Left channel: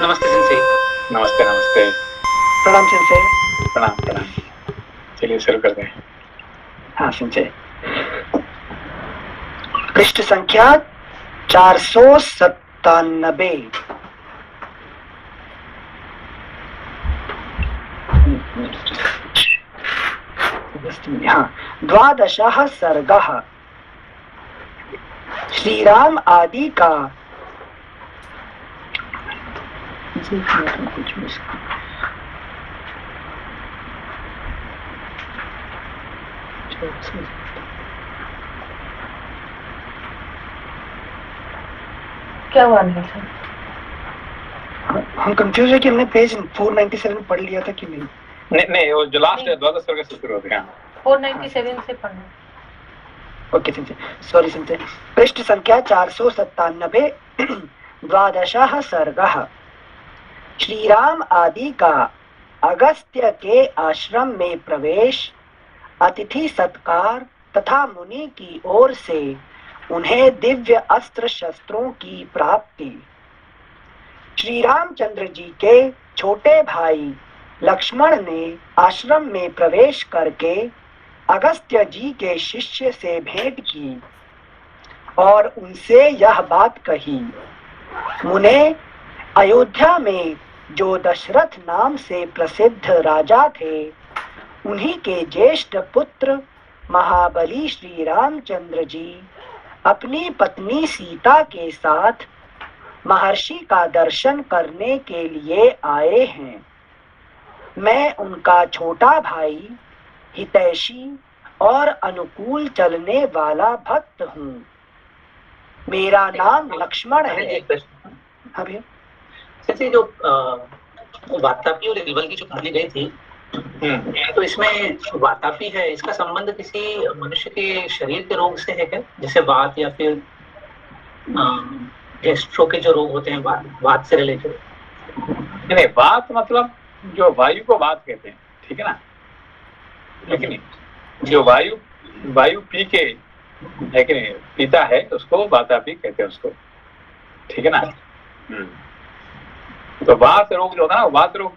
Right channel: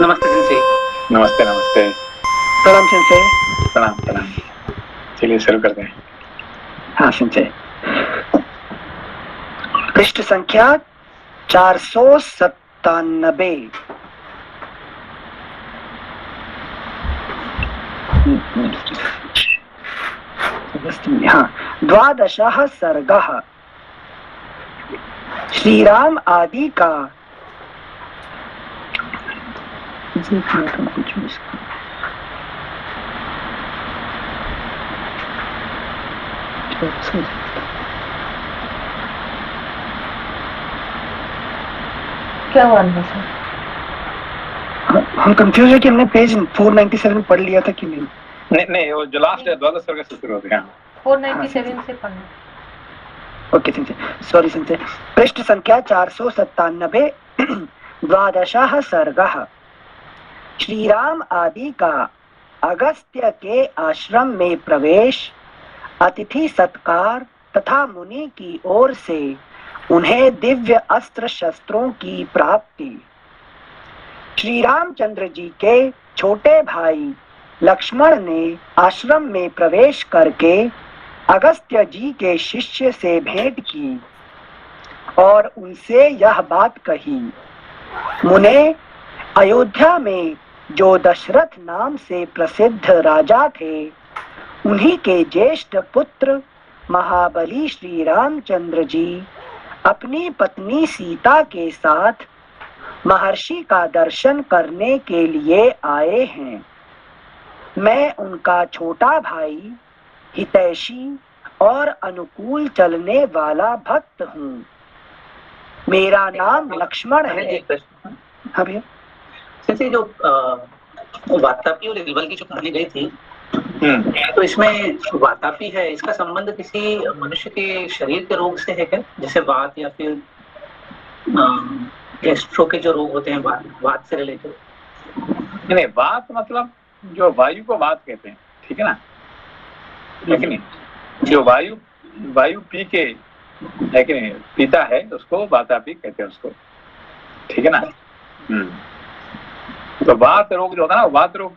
नमस्ते सेंसे। नमस्ते नमस्ते। प्रणाम सेंसे। प्रणाम प्रणाम। चलिए शुरू करते हैं। हाँ सेंसे। पृष्ठ संख्या 497। हाँ, द्वादशः सर्गः। श्रीराम आदि का क्या हुआ अंदर से? हम कंफ्यूज है कि हमने पेज 497 पढ़ लिया था कि नहीं। नहीं वो जो लास्ट है द्वादश सर्ग से शुरू होते हैं। 497 से पढ़ना। Okay sensei, sorry sensei. पृष्ठ संख्या 497। द्वादशः सर्गः। श्रीराम आदि का अगस्त्य के आश्रम में प्रवेश, अतिथि सत्कार तथा मुनि की ओर से उन्हें दिव्य अस्त्र शस्त्रों की प्राप्ति। श्री रामचंद्र जी के छोटे भाई लक्ष्मण ने आश्रम में प्रवेश करके अगस्त्य जी के शिष्य से भेंट की और उनसे यह बात कही। मुने, अयोध्या में जो दशरथ नाम से प्रसिद्ध राजा थे, उन्हीं के ज्येष्ठ पुत्र महाबली श्री रामचंद्र जी अपनी पत्नी सीता के साथ महर्षि का दर्शन करने के लिए आए हैं। मैं उनका छोटा भाई, हितैषी और अनुकूल चलने वाला भक्त हूँ। मेरा नाम लक्ष्मण है। एक प्रश्न। हाँ भैया। जैसे जो वातापी और इल्बल की जो कहानी गई थी, तो इसमें वातापी है, इसका संबंध किसी मनुष्य के शरीर के रोग से है क्या? जैसे वात या फिर गैस्ट्रो के जो रोग होते हैं, वात से रिलेटेड? नहीं, वात मतलब जो वायु को वात कहते हैं, ठीक है ना? है कि नहीं? जो वायु पी के है कि नहीं पीता है उसको वातापी कहते हैं उसको, ठीक है ना? तो वात रोग जो होता है ना, वात रोग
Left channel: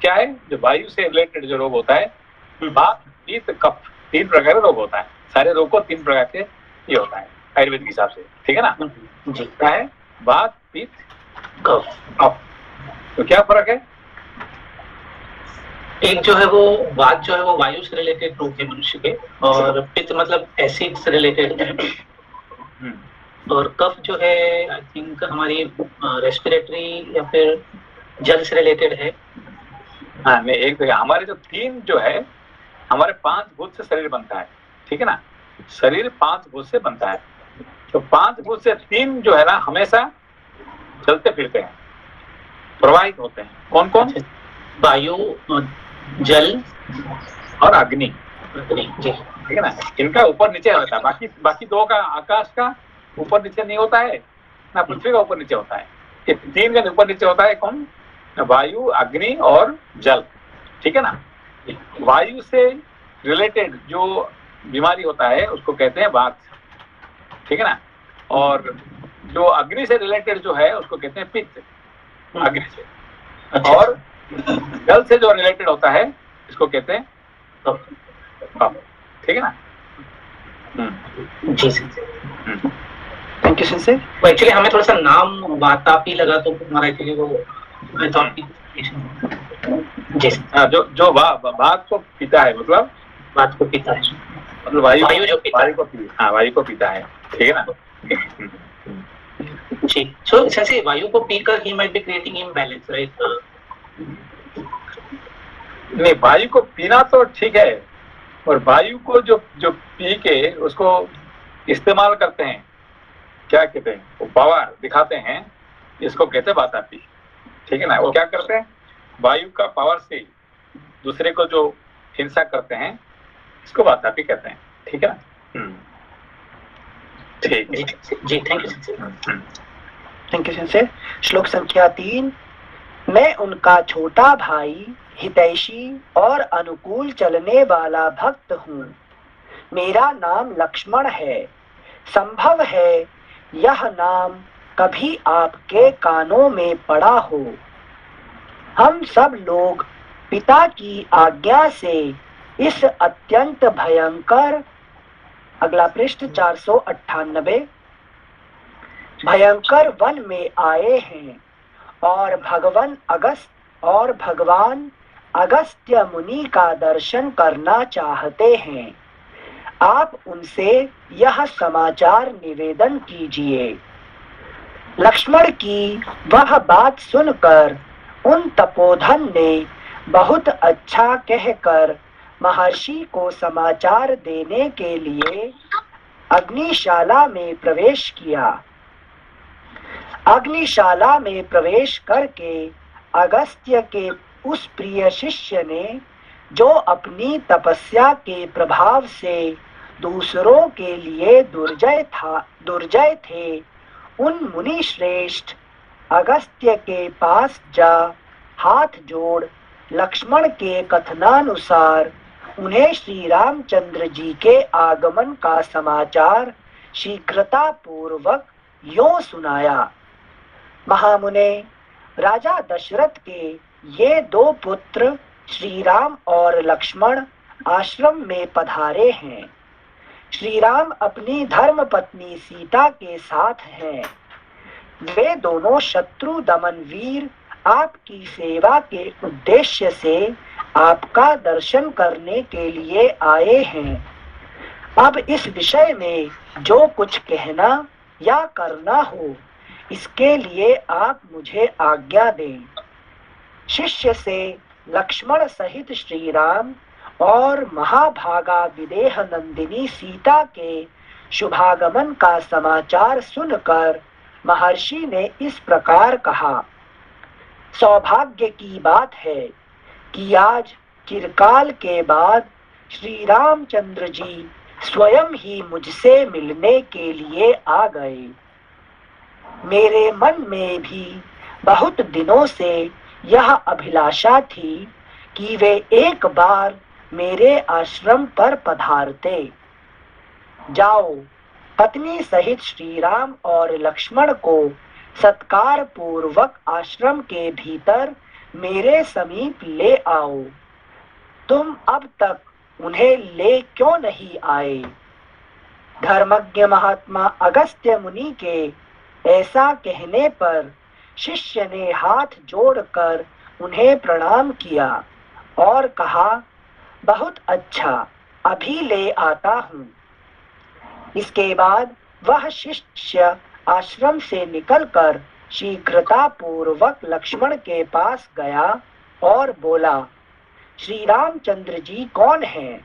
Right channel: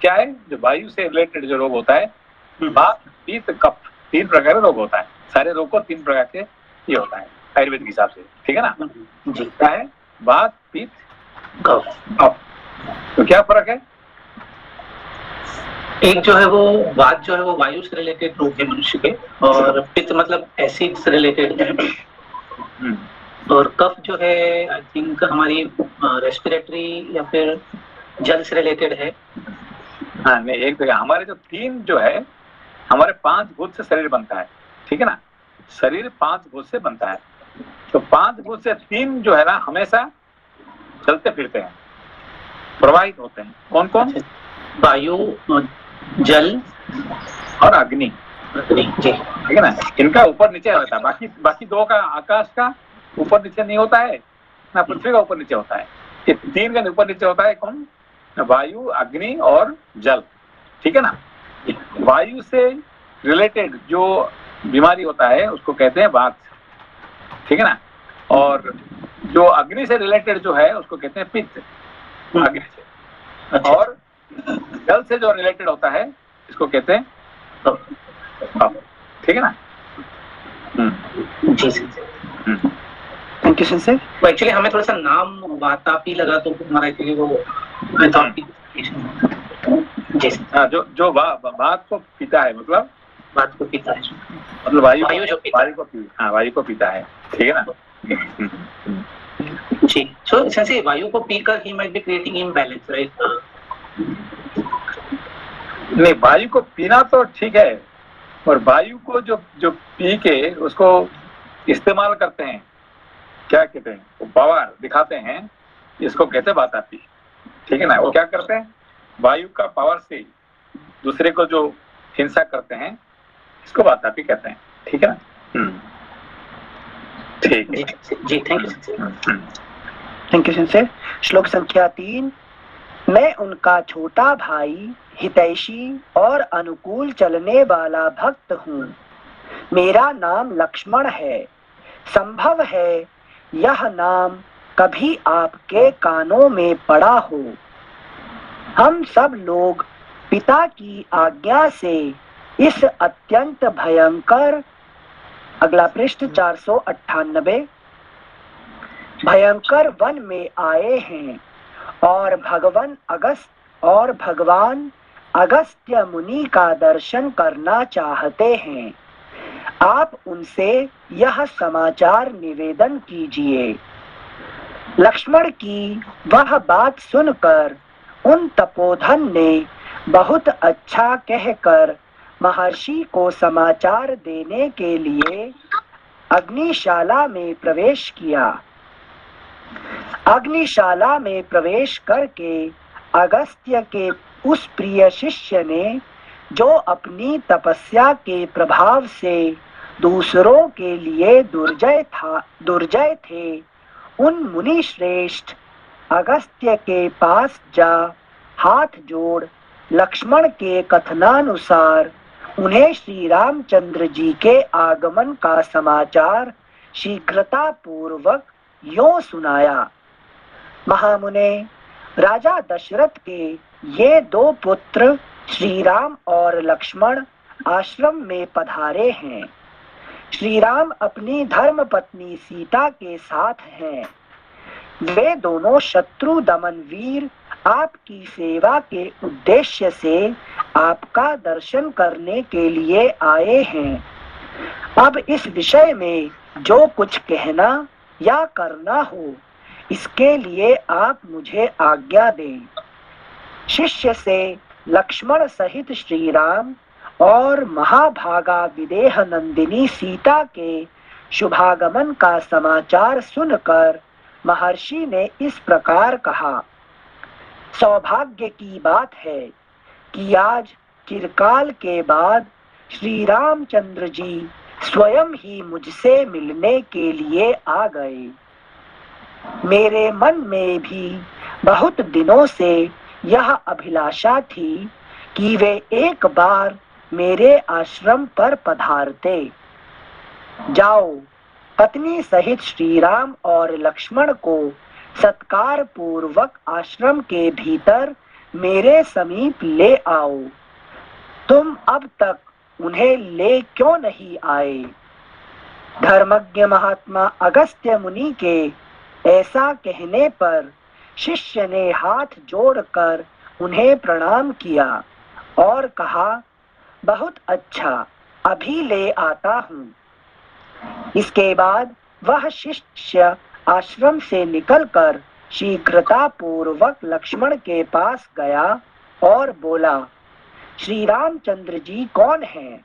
क्या है? जो वायु से रिलेटेड जो रोग होता है, वात पित्त कफ, 3 प्रकार का रोग होता है। सारे रोग को 3 प्रकार के ये होता है आयुर्वेद के हिसाब से, ठीक है ना? जी। क्या है? वात पित्त कफ। तो क्या फर्क है? एक जो है वो वात जो है वो वायु से रिलेटेड रोग है मनुष्य के, और पित्त मतलब एसिड से रिलेटेड है, और कफ जो है आई थिंक हमारी रेस्पिरेटरी या फिर जल से रिलेटेड है। हाँ, नहीं, एक तो हमारे जो 3 जो है, हमारे 5 भूत से शरीर बनता है, ठीक है ना? शरीर 5 भूत से बनता है। तो 5 भूत से 3 जो है ना हमेशा चलते फिरते हैं, प्रवाहित होते हैं। कौन कौन? वायु, जल और अग्नि, जी, ठीक है ना? इनका ऊपर नीचे होता है। बाकी 2 का, आकाश का ऊपर नीचे नहीं होता है ना, पृथ्वी का ऊपर नीचे होता है। ये 3 का ऊपर नीचे होता है। कौन? वायु, अग्नि और जल, ठीक है ना? वायु से रिलेटेड जो बीमारी होता है उसको कहते हैं वात, ठीक है ना? और जो अग्नि से रिलेटेड जो है उसको कहते हैं पित्त, अग्नि से। अच्छा। और जल से जो रिलेटेड होता है इसको कहते हैं कफ, ठीक है ना? जी। Thank you sensei. वो एक्चुअली हमें थोड़ा सा नाम वातापी लगा तो हमारा एक्चुअली वो मैं थॉट की जो वात को पीता है, मतलब बात को पीता है, मतलब वायु जो पीता है। वायु को पीता है, ठीक है ना? जी। सो सेंसे वायु को पीकर he might be creating imbalance, right? नहीं, वायु को पीना तो ठीक है, और वायु को जो पी के उसको इस्तेमाल करते हैं, क्या कहते हैं, वो पावर दिखाते हैं, इसको कहते हैं वातापी, ठीक है ना? वो क्या करते हैं? वायु का पावर से दूसरे को जो हिंसा करते हैं इसको वातापी कहते हैं, ठीक है ना? ठीक है जी, थैंक यू सेंसे। श्लोक संख्या 3। मैं उनका छोटा भाई, हितैषी और अनुकूल चलने वाला भक्त हूँ। मेरा नाम लक्ष्मण है। संभव है यह नाम कभी आपके कानों में पड़ा हो। हम सब लोग पिता की आज्ञा से इस अत्यंत भयंकर, अगला पृष्ठ 498, भयंकर वन में आए हैं और भगवान अगस्त्य मुनि का दर्शन करना चाहते हैं। आप उनसे यह समाचार निवेदन कीजिए। लक्ष्मण की वह बात सुनकर उन तपोधन ने बहुत अच्छा कहकर महर्षि को समाचार देने के लिए अग्निशाला में प्रवेश किया। अग्निशाला में प्रवेश करके अगस्त्य के उस प्रिय शिष्य ने, जो अपनी तपस्या के प्रभाव से दूसरों के लिए दुर्जय थे, उन मुनि श्रेष्ठ अगस्त्य के पास जा हाथ जोड़ लक्ष्मण के कथनानुसार उन्हें श्री रामचंद्र जी के आगमन का समाचार शीघ्रता पूर्वक यों सुनाया। महामुने, राजा दशरथ के ये दो पुत्र श्री राम और लक्ष्मण आश्रम में पधारे हैं। श्री राम अपनी धर्म पत्नी सीता के साथ हैं। वे दोनों शत्रु दमन वीर आपकी सेवा के उद्देश्य से आपका दर्शन करने के लिए आए हैं। अब इस विषय में जो कुछ कहना या करना हो, इसके लिए आप मुझे आज्ञा दें। शिष्य से लक्ष्मण सहित श्री राम और महाभागा विदेह नंदिनी सीता के शुभागमन का समाचार सुनकर महर्षि ने इस प्रकार कहा। सौभाग्य की बात है कि आज चिरकाल के बाद श्री रामचंद्र जी स्वयं ही मुझसे मिलने के लिए आ गए। मेरे मन में भी बहुत दिनों से यह अभिलाषा थी कि वे एक बार मेरे आश्रम पर पधारते। जाओ, पत्नी सहित श्री राम और लक्ष्मण को सत्कार पूर्वक आश्रम के भीतर मेरे समीप ले आओ। तुम अब तक उन्हें ले क्यों नहीं आए? धर्मज्ञ महात्मा अगस्त्य मुनि के ऐसा कहने पर शिष्य ने हाथ जोड़कर उन्हें प्रणाम किया और कहा, बहुत अच्छा, अभी ले आता हूँ। इसके बाद वह शिष्य आश्रम से निकलकर शीघ्रता पूर्वक लक्ष्मण के पास गया और बोला, श्री रामचंद्र जी कौन हैं?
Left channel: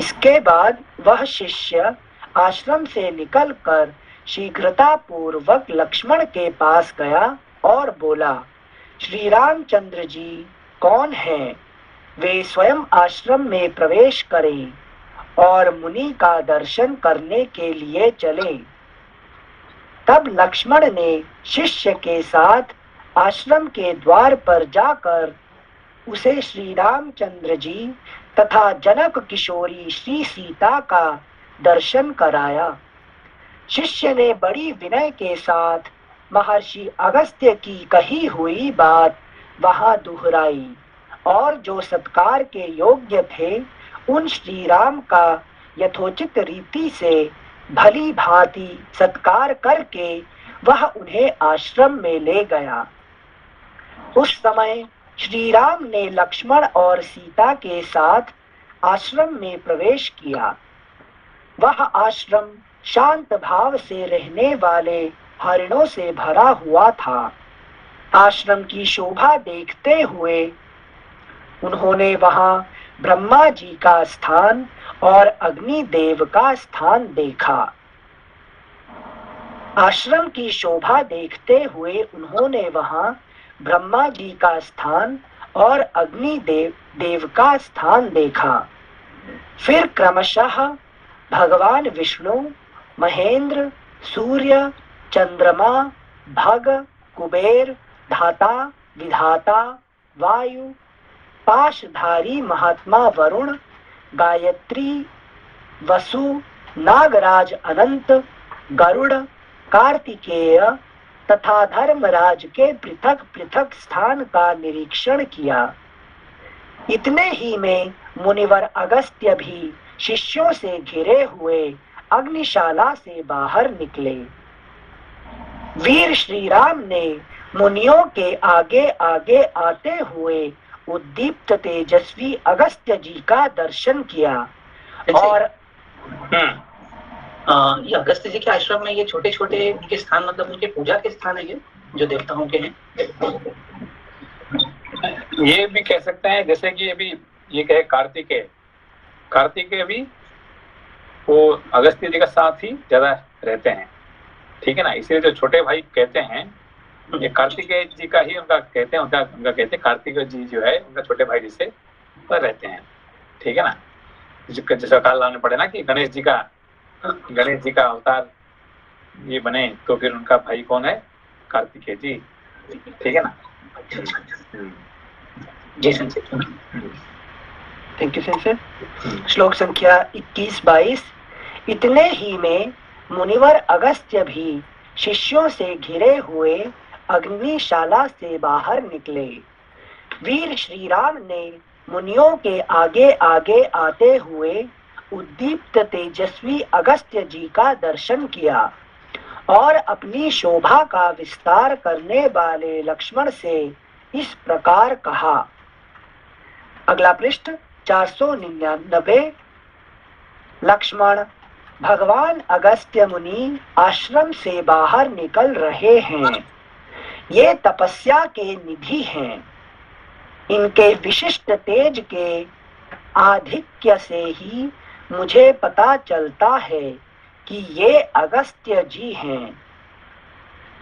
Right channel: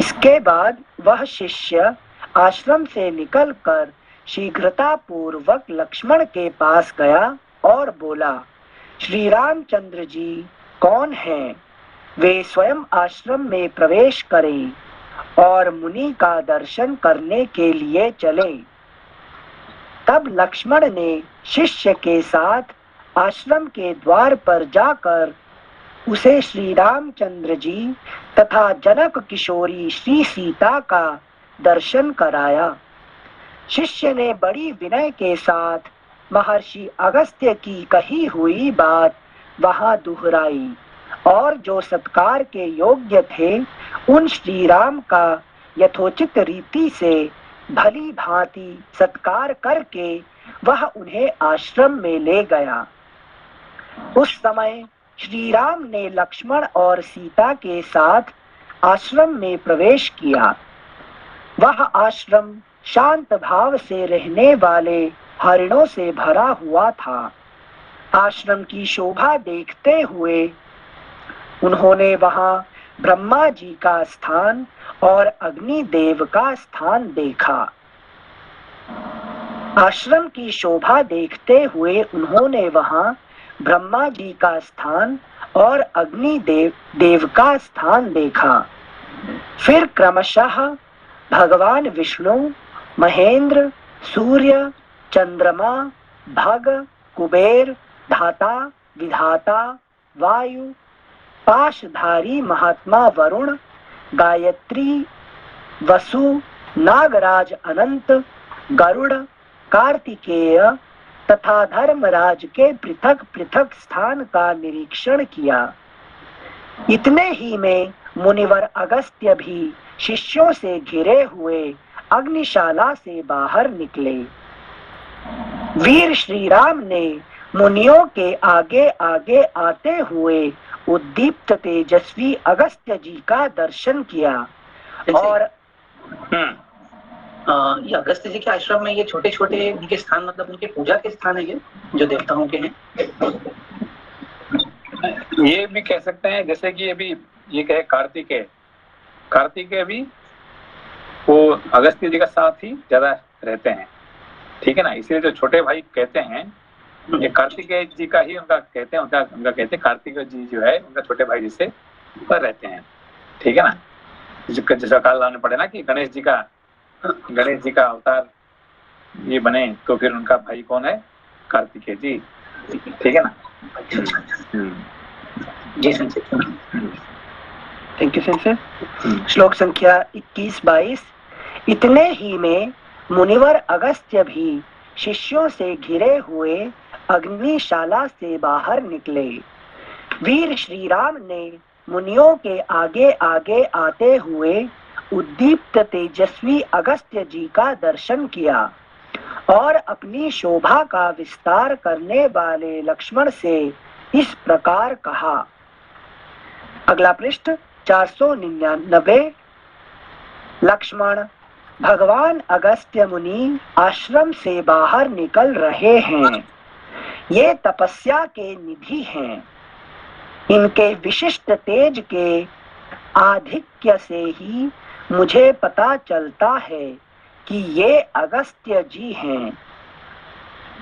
इसके बाद वह शिष्य आश्रम से निकलकर शीघ्रता पूर्वक लक्ष्मण के पास गया और बोला, श्री रामचंद्र जी कौन हैं? वे स्वयं आश्रम में प्रवेश करें और मुनि का दर्शन करने के लिए चले। तब लक्ष्मण ने शिष्य के साथ आश्रम के द्वार पर जाकर उसे श्री रामचंद्र जी तथा जनक किशोरी श्री सीता का दर्शन कराया। शिष्य ने बड़ी विनय के साथ महर्षि अगस्त्य की कही हुई बात वहां दोहराई और जो सत्कार के योग्य थे, उन श्री राम का यथोचित रीति से भली भांति सत्कार करके वह उन्हें आश्रम में ले गया। उस समय श्री राम ने लक्ष्मण और सीता के साथ आश्रम में प्रवेश किया। वह आश्रम शांत भाव से रहने वाले हरिणों से भरा हुआ था। आश्रम की शोभा देखते हुए उन्होंने वहां ब्रह्मा जी का स्थान और अग्नि देव का स्थान देखा। आश्रम की शोभा देखते हुए उन्होंने वहां ब्रह्मा जी का स्थान और अग्नि देव का स्थान देखा। फिर क्रमशः भगवान विष्णु, महेंद्र, सूर्य, चंद्रमा, भग, कुबेर, धाता, विधाता, वायु, पाशधारी महात्मा वरुण, गायत्री, वसु, नागराज अनंत, गरुड़, कार्तिकेय, तथा धर्मराज के पृथक पृथक स्थान का निरीक्षण किया। इतने ही में मुनिवर अगस्त्य भी शिष्यों से घिरे हुए अग्निशाला से बाहर निकले। वीर श्री राम ने मुनियों के आगे आगे आते हुए उद्दीप्त तेजस्वी अगस्त्य जी का दर्शन किया और ये अगस्त्य जी के आश्रम में ये छोटे छोटे उनके स्थान, मतलब उनके पूजा के स्थान है ये जो देवताओं के हैं। ये भी कह सकते हैं, जैसे कि अभी ये कहे कार्तिकेय भी वो अगस्त्य जी का साथ ही ज्यादा रहते हैं, ठीक है ना। इसलिए जो छोटे भाई कहते हैं ये कार्तिकेय जी का ही उनका कहते हैं, उनका कहते हैं कार्तिकेय जी जो है उनका छोटे भाई जी से ऊपर रहते हैं, ठीक है ना। जैसा काल लाने पड़े ना कि गणेश जी का अवतार ये बने, तो फिर उनका भाई कौन है? कार्तिकेय जी, ठीक है ना। जी संसद। Thank you sensei. श्लोक संख्या 21-22। इतने ही में मुनिवर अगस्त्य भी शिष्यों से घिरे हुए अग्निशाला से बाहर निकले। वीर श्री राम ने मुनियों के आगे आगे आते हुए उद्दीप्त तेजस्वी अगस्त्य जी का दर्शन किया और अपनी शोभा का विस्तार करने वाले लक्ष्मण से इस प्रकार कहा। अगला पृष्ठ 499। लक्ष्मण, भगवान अगस्त्य मुनि आश्रम से बाहर निकल रहे हैं। ये तपस्या के निधि हैं। इनके विशिष्ट तेज के आधिक्य से ही मुझे पता चलता है कि ये अगस्त्य जी हैं।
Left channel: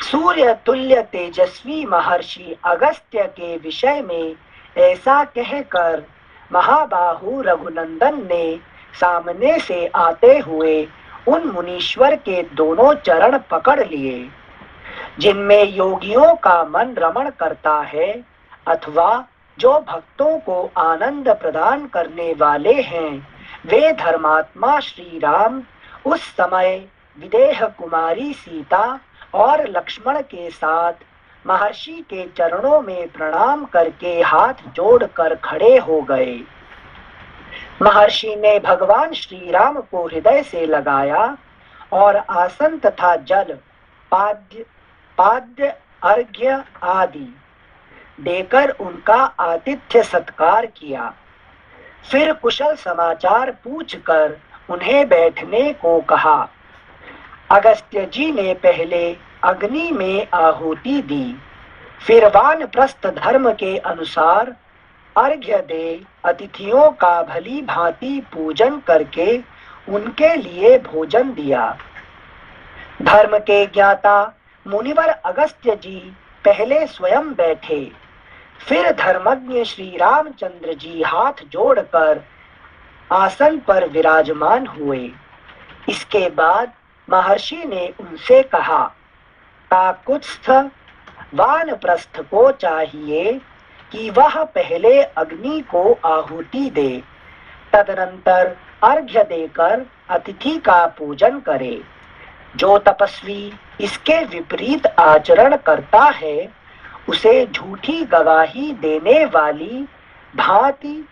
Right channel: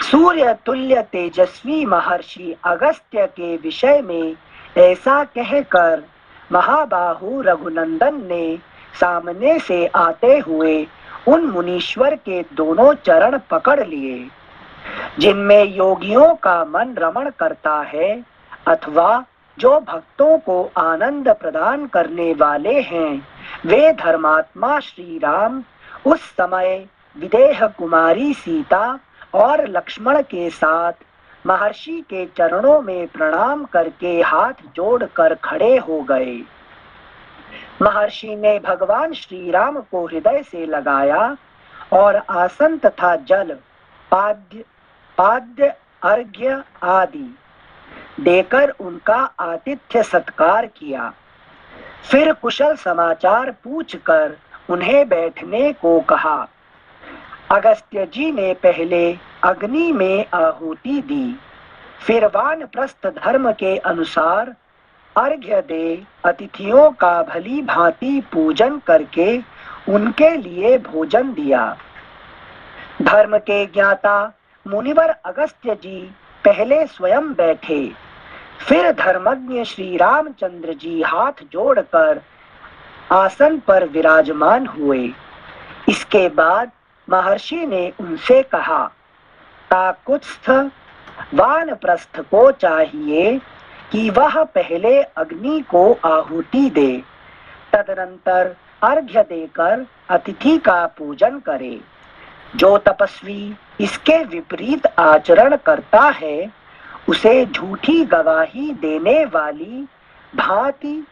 सूर्य तुल्य तेजस्वी महर्षि अगस्त्य के विषय में ऐसा कहकर महाबाहु रघुनंदन ने सामने से आते हुए उन मुनीश्वर के दोनों चरण पकड़ लिए, जिनमें योगियों का मन रमण करता है अथवा जो भक्तों को आनंद प्रदान करने वाले हैं। वे धर्मात्मा श्री राम उस समय विदेह कुमारी सीता और लक्ष्मण के साथ महर्षि के चरणों में प्रणाम करके हाथ जोड़कर खड़े हो गए। महर्षि ने भगवान श्री राम को हृदय से लगाया और आसन तथा जल, पाद्य अर्घ्य आदि देकर उनका आतिथ्य सत्कार किया। फिर कुशल समाचार पूछकर उन्हें बैठने को कहा। अगस्त्य जी ने पहले अग्नि में आहुति दी, फिर वानप्रस्थ धर्म के अनुसार अर्घ्य दे अतिथियों का भली भांति पूजन करके उनके लिए भोजन दिया। धर्म के ज्ञाता मुनिवर अगस्त्य जी पहले स्वयं बैठे, फिर धर्मज्ञ श्री रामचंद्र जी हाथ जोड़कर आसन पर विराजमान हुए। इसके बाद महर्षि ने उनसे कहा, काकुत्स्थ वानप्रस्थ को चाहिए कि वह पहले अग्नि को आहुति दे, तदनंतर अर्घ्य देकर अतिथि का पूजन करे। जो तपस्वी इसके विपरीत आचरण करता है उसे झूठी गवाही देने वाली भांति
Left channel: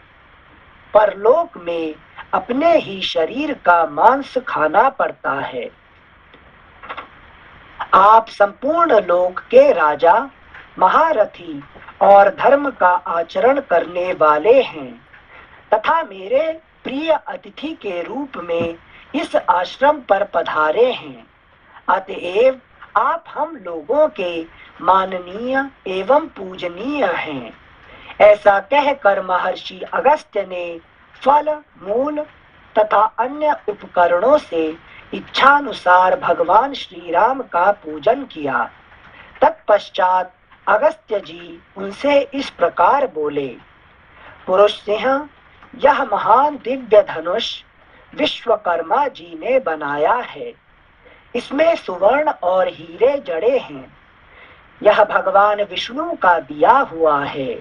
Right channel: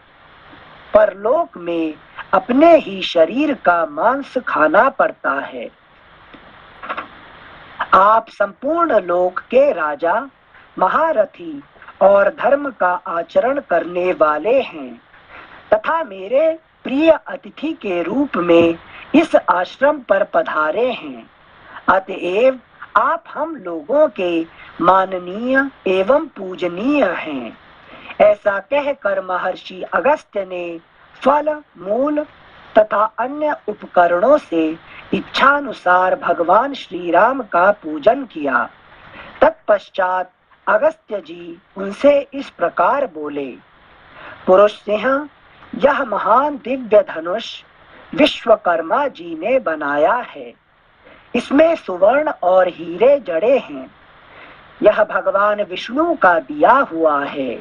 परलोक में अपने ही शरीर का मांस खाना पड़ता है। आप संपूर्ण लोक के राजा, महारथी और धर्म का आचरण करने वाले हैं तथा मेरे प्रिय अतिथि के रूप में इस आश्रम पर पधारे हैं। अतएव आप हम लोगों के माननीय एवं पूजनीय हैं। ऐसा कहकर महर्षि अगस्त्य ने फल, मूल तथा अन्य उपकरणों से इच्छानुसार भगवान श्री राम का पूजन किया। तत्पश्चात अगस्त्य जी उनसे इस प्रकार बोले, पुरुष सिंह, यह महान दिव्य धनुष विश्वकर्मा जी ने बनाया है। इसमें सुवर्ण और हीरे जड़े हैं। यह भगवान विष्णु का दिया हुआ है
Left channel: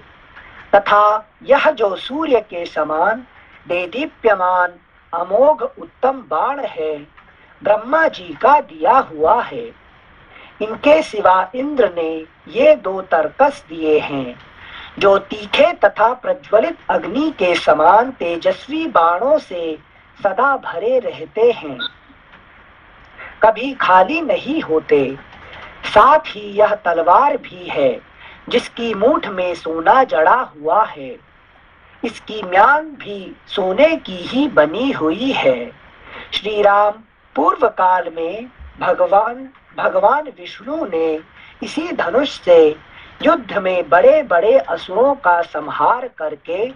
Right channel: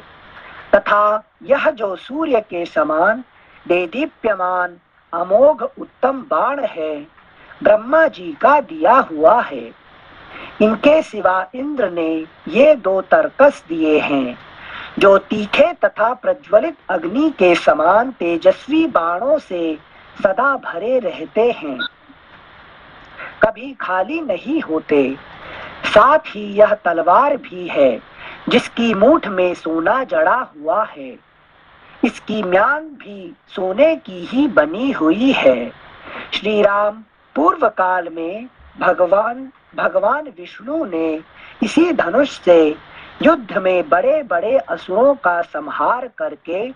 तथा यह जो सूर्य के समान देदीप्यमान अमोघ उत्तम बाण है, ब्रह्मा जी का दिया हुआ है। इनके सिवा इंद्र ने ये 2 तर्कस दिए हैं जो तीखे तथा प्रज्वलित अग्नि के समान तेजस्वी बाणों से सदा भरे रहते हैं, कभी खाली नहीं होते। साथ ही यह तलवार भी है जिसकी मूठ में सोना जड़ा हुआ है। इसकी म्यान भी सोने की ही बनी हुई है। श्री राम पूर्व काल में भगवान विष्णु ने इसी धनुष से युद्ध में बड़े बड़े असुरों का संहार करके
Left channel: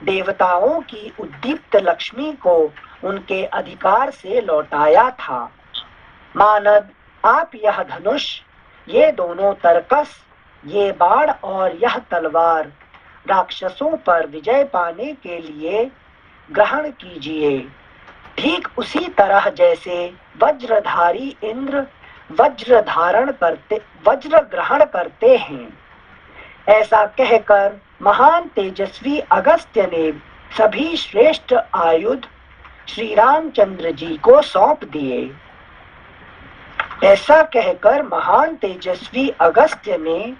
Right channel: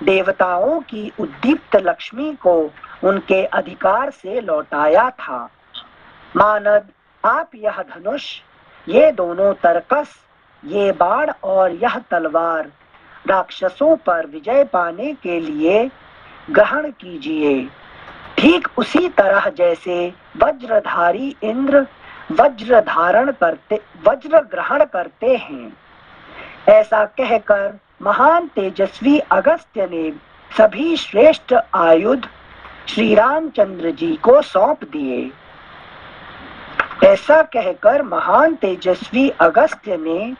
देवताओं की उद्दीप्त लक्ष्मी को उनके अधिकार से लौटाया था। मानद, आप यह धनुष, ये दोनों तरकस, ये बाण और यह तलवार राक्षसों पर विजय पाने के लिए ग्रहण कीजिए, ठीक उसी तरह जैसे वज्रधारी इंद्र वज्र ग्रहण करते हैं। ऐसा कहकर महान तेजस्वी अगस्त्य ने सभी श्रेष्ठ आयुध श्री रामचंद्र जी को सौंप दिए। ऐसा कहकर महान तेजस्वी अगस्त्य ने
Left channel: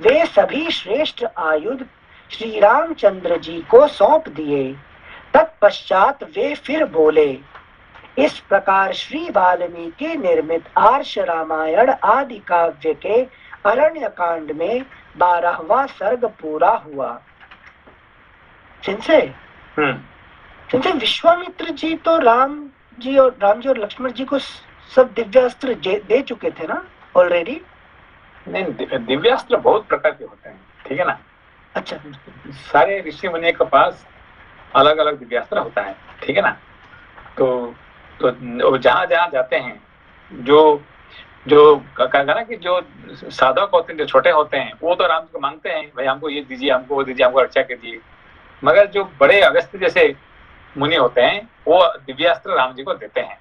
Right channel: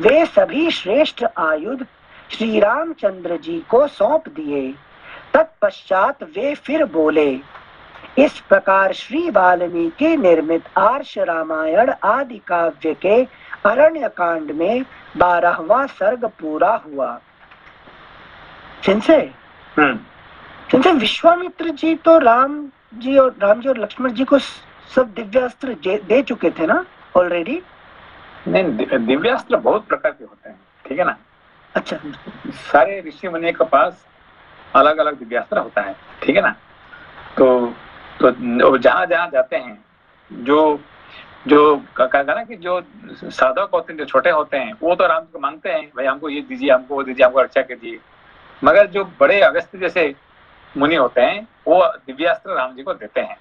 वे सभी श्रेष्ठ आयुध श्री रामचंद्र जी को सौंप दिए। तत्पश्चात वे फिर बोले। इस प्रकार श्री वाल्मीकि निर्मित आर्ष रामायण आदि काव्य के अरण्य कांड में 12वां सर्ग पूरा हुआ। सिंसे विश्वामित्र जी तो राम जी और लक्ष्मण जी को सब दिव्यास्त्र दे चुके थे ना ऑलरेडी? नहीं, दिव्यास्त्र बहुत प्रकार के होते हैं, ठीक है ना। अच्छा, सारे ऋषि मुनि के पास अलग अलग दिव्यास्त्र होता है, ठीक है ना। तो जहाँ जहाँ जाते हैं, जो कहा ना कि जो साधक होते हैं, जो छोटे होते हैं, वो तो राम को मांगते हैं, भाई हमको ये दीजिए, हमको वो दीजिए, हमको रक्षा कीजिए। मगर जो बड़े अगस्त्य जैसे मुनि होते हैं, वो दिव्यास्त्र राम जी को देते हैं,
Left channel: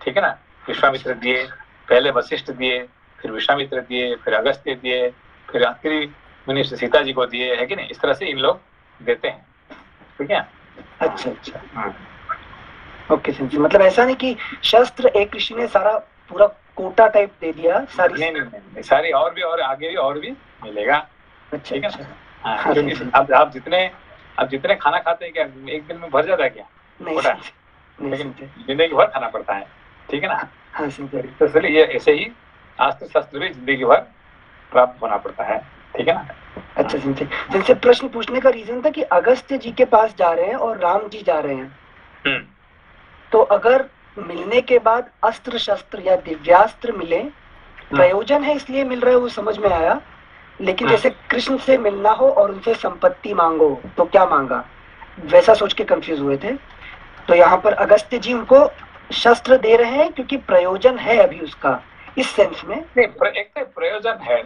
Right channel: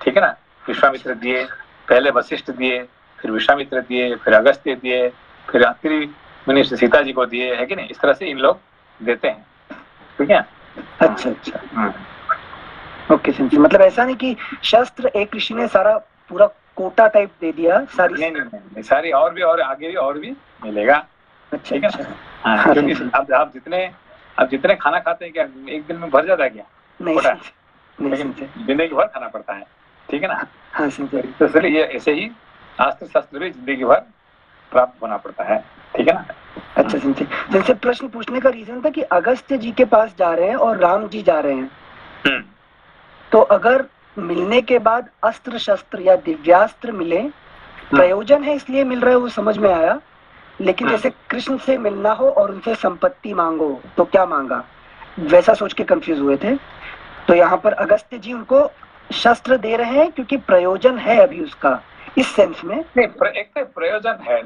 ठीक है ना। विश्वामित्र दिए, पहले वशिष्ठ दिए, फिर विश्वामित्र दिए, फिर अगस्त्य दिए, फिर आखिरी मुनि सीता जी को दिए, है कि नहीं। इस तरह से इन लोग देते हैं, ठीक है। अच्छा, ओके। मतलब ऐसा नहीं कि शस्त्र एक ऋषि ने सारा पूरा कोटा टाइप दे दिया सारी? नहीं, सारी और भी, और आगे भी और भी मिलेगा, ठीक है ना। हाँ, क्योंकि आप जितने खाना खाते हैं, क्या एक दिन में भर जाता है क्या? लेकिन जिंदगी भर खाना पड़ता है, ठीक है ना। हाँ, तो इसलिए ये ऐसे ही अस्त्र शस्त्र भी जिंदगी भर प्राप्त होना पड़ता है, ठीक है ना। अच्छा, जैसे प्रश्न पूछने का रीजन था कि अगस्त्य जी के पास जा रहे हैं और राम जी जा रहे हैं, तो अगर मिलने के बाद अस्त्र शस्त्र या दिव्यास्त्र मिले, प्रयोजन है इसलिए मिल रहे, वो समझ में आया। लेकिन जैसे कृष्ण से मिलना हो और उनसे संपत्ति मांगो, तो क्या मांगा, वैसा सोच के कंफ्यूज हुए थे। तो यहाँ पर अगस्त्य जी उनको शस्त्र दे रहे हैं क्योंकि प्रयोजन है अभी उसका, इस सेंस में। नहीं, एक तो प्रयोजन है,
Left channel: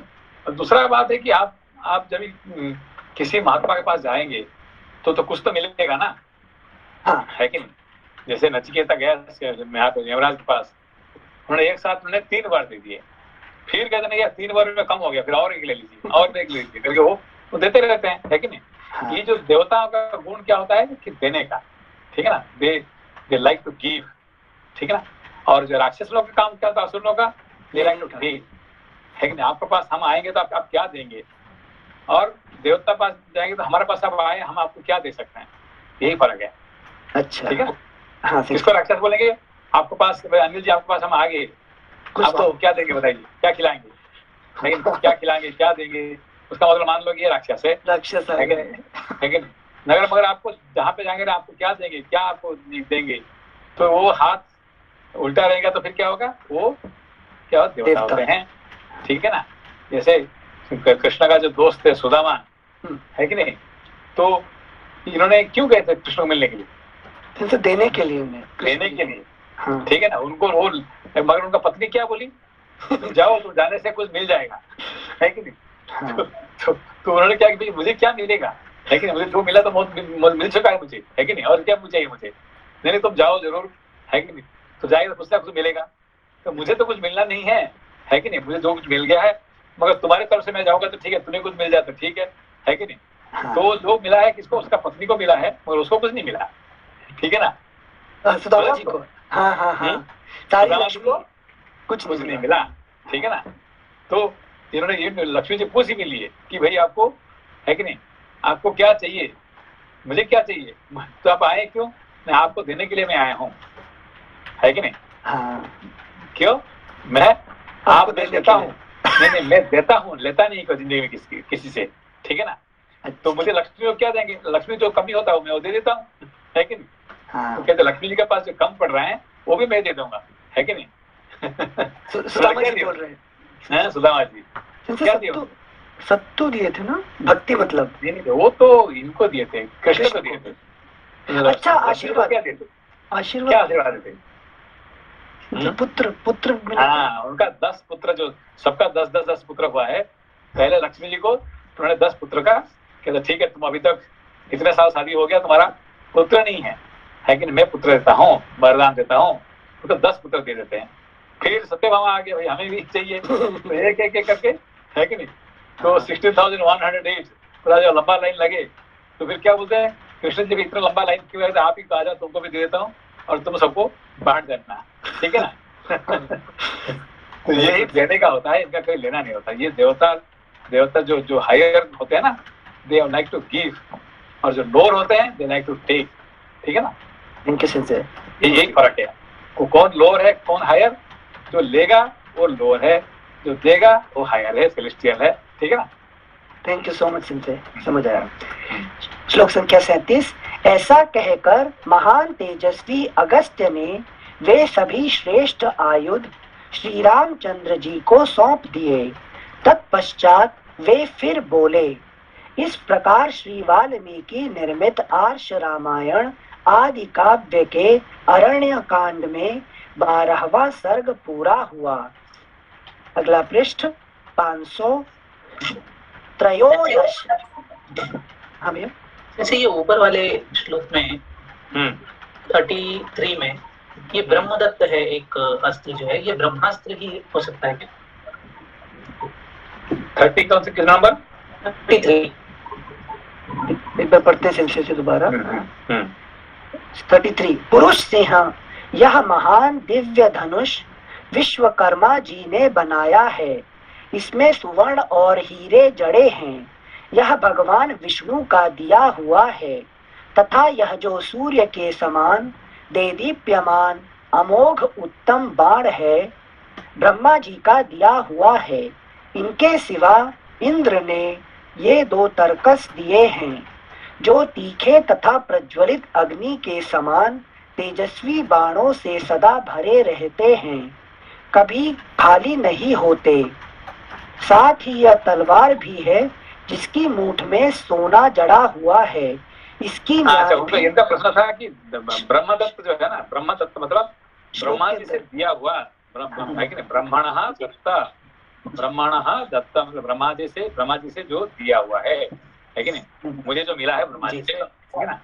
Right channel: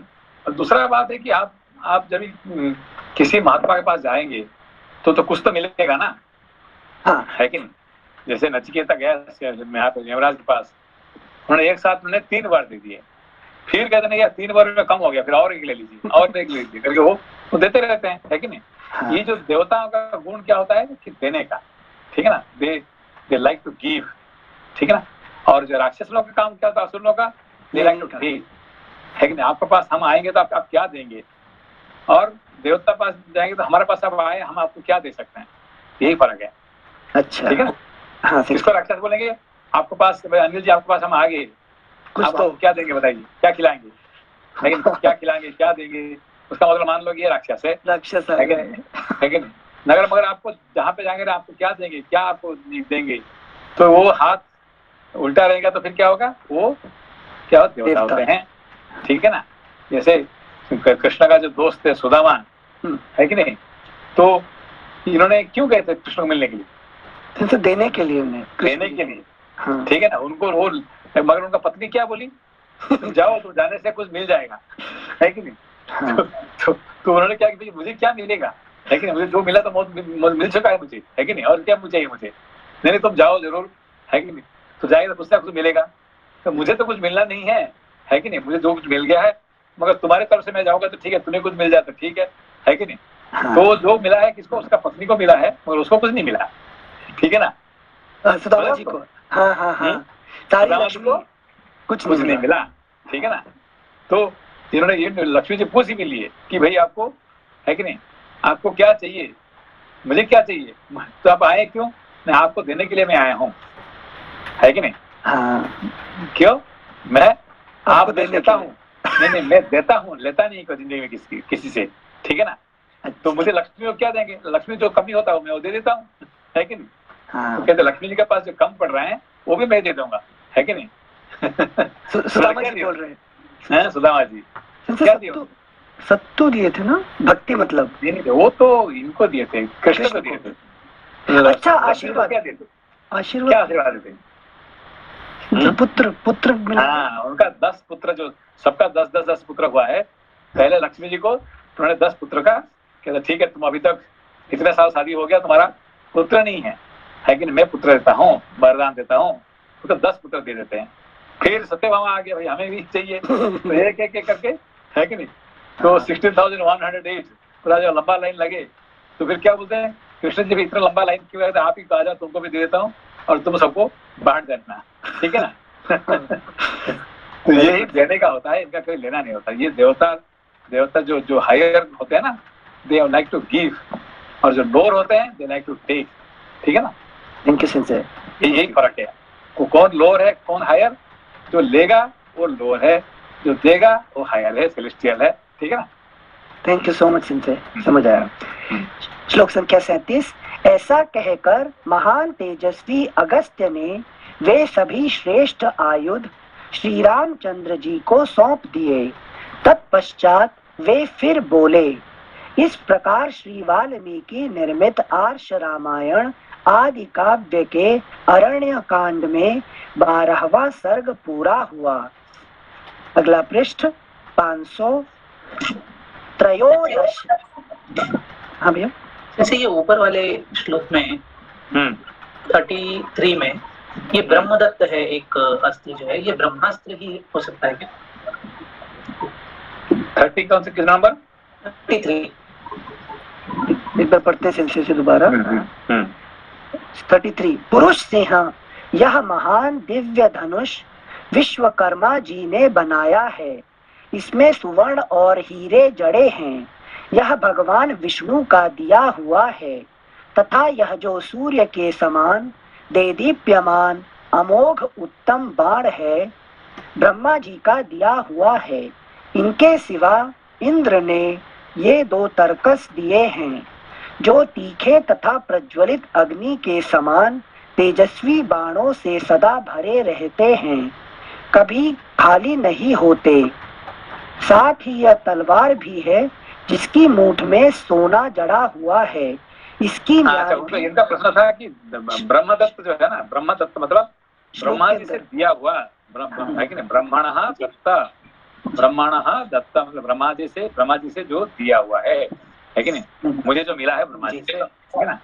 दूसरा बात है कि आप जब किसी महात्मा के पास जाएंगे तो कुछ तो मिलेगा ना। हाँ, है कि नहीं। जैसे नचिकेता गया यमराज के पास, उन्होंने एक साथ 3 बार दे दिए, फिर कहते नहीं 3 बार में कम हो गया, फिर और एक ले लीजिए, और एक ले लीजिए करके वो देते रहते हैं, है कि नहीं। हाँ। ये जो देवताओं का गुण क्या होता है कि देने का, ठीक है ना। दे लाइक टू गिव, ठीक है ना। और जो राक्षस लोग का काम क्या होता है, असुर लोग का, दे लाइक टू टेक, है कि नहीं। आपके पास हम आएंगे तो आप क्या देंगे, और देवता पास जाएंगे तो हमारे पास आप आए, हम आपको क्या दे सकते हैं, यही फर्क है। अच्छा, ठीक है। हाँ, किसको राक्षस बोलेंगे, आपके पास, अनिल जी आपके पास हम आ गए, आप तो क्या देंगे बताइए, क्या खिलाएंगे, लेकिन क्या खिलाएंगे, क्या देंगे, उसका मतलब मान लो ये राक्षस है, राक्षस है कि नहीं। मगर आपको जहाँ पे जाएंगे आपको क्या देंगे, क्या आपको देंगे, तो वो हाथ उल्टा रहेगा तो फिर क्या होगा, वो क्या देवता होते हैं, ठीक है ना। जैसे कृष्ण का जो दोस्त है सुदामा, है कि नहीं, तो इन्होंने क्यों गए थे कृष्ण को मिलने के लिए, तो देने के लिए, देने के लिए, ठीक है ना। उनको वो, मगर उनका पत्नी क्या बोली, तुम जाओ, तो जाने से कुछ मिल जाएगा, है कि नहीं। तो उन्होंने क्या कि मुझे क्या मिलेगा, है कि नहीं, मुझे जो मिला तो मिल चुका है मुझे, है कि नहीं, और क्या चाहिए मुझे, नहीं तुम जाओ जरूर, है कि नहीं। तो जाएंगे तो कुछ ना कुछ मिलेगा, तो मुझे तो कुछ मिलना नहीं है कि नहीं, मुझे जो कुछ मिल गया है, मगर तुम्हारे तरफ से मैं जाऊंगा तो ठीक है, तुम्हें कुछ मिल जाता ठीक है कि नहीं। तो जो मिला है किसको, उसका पत्नी को मिला है, मगर उसको कुछ नहीं मिला, ठीक है ना। सुदामा जी को, हाँ, तारी लक्ष्मी को कुछ नहीं मिला, ठीक है ना। तो इन्होंने ये लक्ष्मी जी पूछ भी लिए कि भाई आपको है कि नहीं, आपको क्या चाहिए, मुझे क्या चाहिए, तो आप आए क्यों, मैं आपको देने के लिए मैं आया हूँ, है कि नहीं। हाँ, क्यों, मैं आप देने देता के हूँ, नहीं मैं देता हूँ, लेता नहीं जिंदगी में किसी से, ठीक है ना। तो मुझे लक्ष्मी को क्या देंगे, लक्ष्मी जो कमी होता है मैं वो दे देता हूँ, है कि नहीं। हाँ, तो कहते लक्ष्मी जी के पास जो कम पड़ रहे हैं वो भी मैं दे दूंगा, है कि नहीं। सुदामा जी बोल रहे हैं, सुदामा जी क्या दिया, सत्तू दिए थे ना, भक्ति मतलब नहीं वो तो इनको दिए थे, कृष्ण को दिए थे। अच्छा, आशीर्वाद, क्या देते, आशीर्वाद, क्या आशीर्वाद देते, पुत्र हाँ उनका 10 पुत्र, जो सबका 10 पुत्र हुआ है, पहले लक्ष्मी जी को उन्होंने 10 पुत्र का कहते ठीक है, तुम अभी तक इतने साल शादी हो गया, तुम्हारा पुत्र नहीं है कि नहीं, मैं पुत्र देता हूँ, वरदान देता हूँ, तो 10 पुत्र दे देते हैं। फिर सत्यभामा आ गया, भाई हमें भी चाहिए, तो एक एक करके, है कि नहीं। तो 16,108 पूरा जो लंबा लाइन लगे, तो फिर क्या बोलते हैं, कृष्ण जी भी इतना लंबा लाइन क्यों है, आप ही कहा जाओ, तुमको भी दे देता हूँ और तुम सबको बांट देना, ठीक है ना। तो यही देने का होता है, इनका कोई लेना नहीं होता। ये देवता जो हायर होते हैं ना, दे लाइक टू गिव, और जो लोअर होते हैं दे लाइक टू टेक, ठीक है ना। इनके सेंस है, यही फर्क है, वो कौन लोअर है कौन हायर, जो लेगा वो लोअर है, जो देगा वो हायर है, सेलेस्टियल है, ठीक है ना। थैंक यू सो मच सिंसे, समझ आया। श्लोक संख्या 37। ऐसा कहकर महान तेजस्वी अगस्त्य ने वे सभी श्रेष्ठ आयुध श्री रामचंद्र जी को सौंप दिए। तत्पश्चात वे फिर बोले। इस प्रकार श्री वाल्मीकि निर्मित आर्ष रामायण आदि काव्य के अरण्य कांड में 12वां सर्ग पूरा हुआ। अगला पृष्ठ 513। हाँ भैया, जैसे ये ऊपर वाले श्लोक में 33 में ये ब्रह्मदत्त है, एक अस्त्र जो है, ये ब्रह्मास्त्र ही हो सकता है क्या? 30 कौन से किस नंबर? 33। एक बार पढ़ते से दोबारा। 33। पुरुष सिंह, यह महान दिव्य धनुष विश्वकर्मा जी ने बनाया है। इसमें सुवर्ण और हीरे जड़े हैं। यह भगवान विष्णु का दिया हुआ है तथा यह जो सूर्य के समान देदीप्यमान अमोघ उत्तम बाण है, ब्रह्मा जी का दिया हुआ है। इनके सिवा इंद्र ने ये 2 तरकस दिए हैं, जो तीखे तथा प्रज्वलित अग्नि के समान तेजस्वी बाणों से सदा भरे रहते हैं, कभी खाली नहीं होते। साथ ही यह तलवार भी है जिसकी मूठ में सोना जड़ा हुआ है। इसकी अच्छा, इनका प्रश्न था कि ब्रह्मदत्त जो है ना, ब्रह्मदत्त मतलब ब्रह्मा जी से दिया हुआ, है कि नहीं, ब्रह्मणः दत्ता, ब्रह्मणः दत्ता मतलब ब्रह्मा जी से जो दिया हुआ है कि नहीं, मुझे जो मिला है ब्रह्मा जी से, है ना।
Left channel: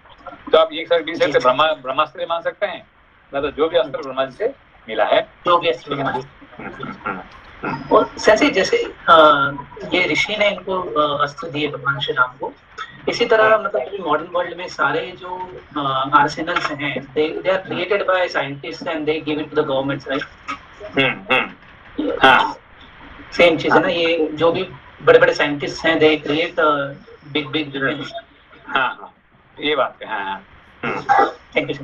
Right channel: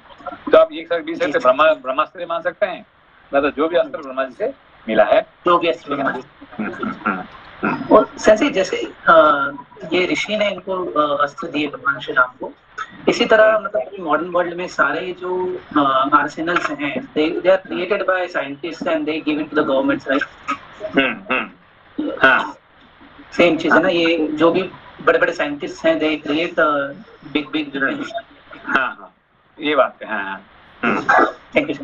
तो आप एक साथ बीच से ब्रह्मास्त्र मान सकते हैं, मतलब जो भी अस्त्र ब्रह्मा जी से मिला है, जो भी अस्त्र ब्रह्मा जी। और जैसे ये ऋषि ने इनको अस्त्र दिए भगवान श्री राम को, इसी तरह मतलब मॉडर्न वर्ल्ड में सारे जो आर्सेनल्स हैं, they are created by scientist and they give it to the governments, right. हाँ, सेम चीज है ना, ये जो भी बड़े बड़े साइंटिस्ट हैं, दे क्रिएट बिग हाँ, ये बात है। हाँ, थैंक यू।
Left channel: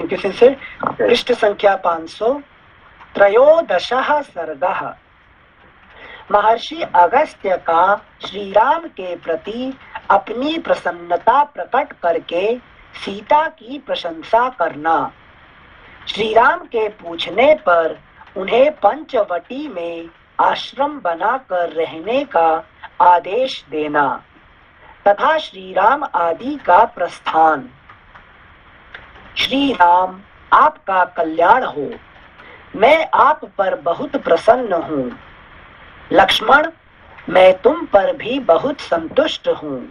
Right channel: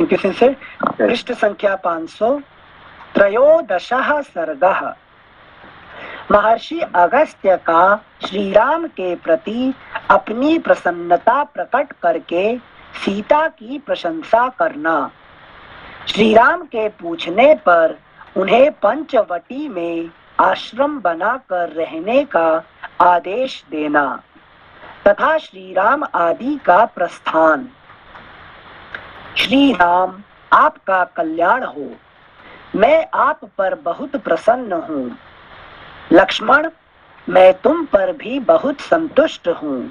इनके से पृष्ठ संख्या 513 सर्गः। महर्षि अगस्त्य का श्री राम के प्रति अपनी प्रसन्नता प्रकट करके सीता की प्रशंसा करना। श्री राम के पूछने पर उन्हें पंचवटी में आश्रम बनाकर रहने का आदेश देना तथा श्री राम आदि का प्रस्थान। श्री राम, आपका कल्याण हो। मैं आप पर बहुत प्रसन्न हूँ। लक्ष्मण, मैं तुम पर भी बहुत संतुष्ट हूँ।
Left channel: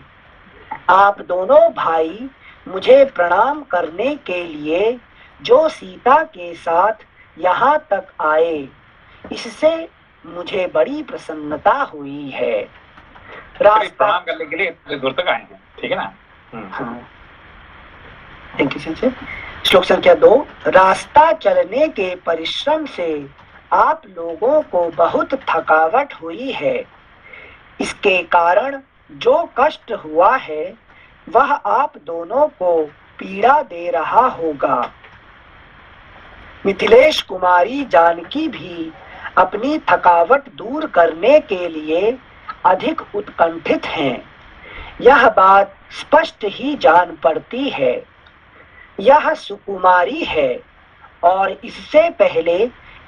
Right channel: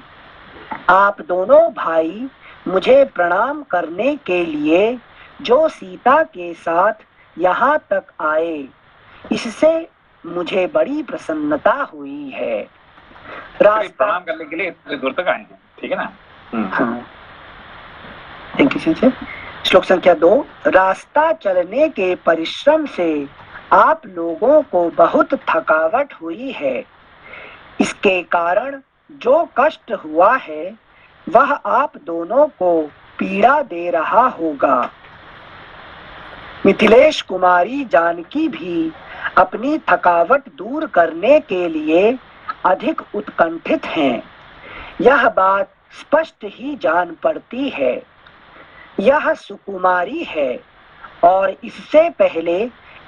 आप दोनों भाई मुझे प्रणाम करने के लिए जो सीता के साथ यहाँ तक आए, इससे मुझे बड़ी प्रसन्नता हुई है। प्रणाम करने के लिए इतनी दूर तक आए हैं, ठीक है ना। हाँ, थैंक यू। श्लोक संख्या 2। रास्ता चलने के परिश्रम से आप लोगों को बहुत थकावट हुई है। इसके कारण जो कष्ट हुआ है वह आप दोनों को पीड़ा दे रहा होगा। मिथिलेश कुमारी जानकी भी अपनी थकावट दूर करने के लिए अधिक उत्कंठित हैं। यह बात स्पष्ट ही जान पड़ती है। यह सुकुमारी है और इससे पहले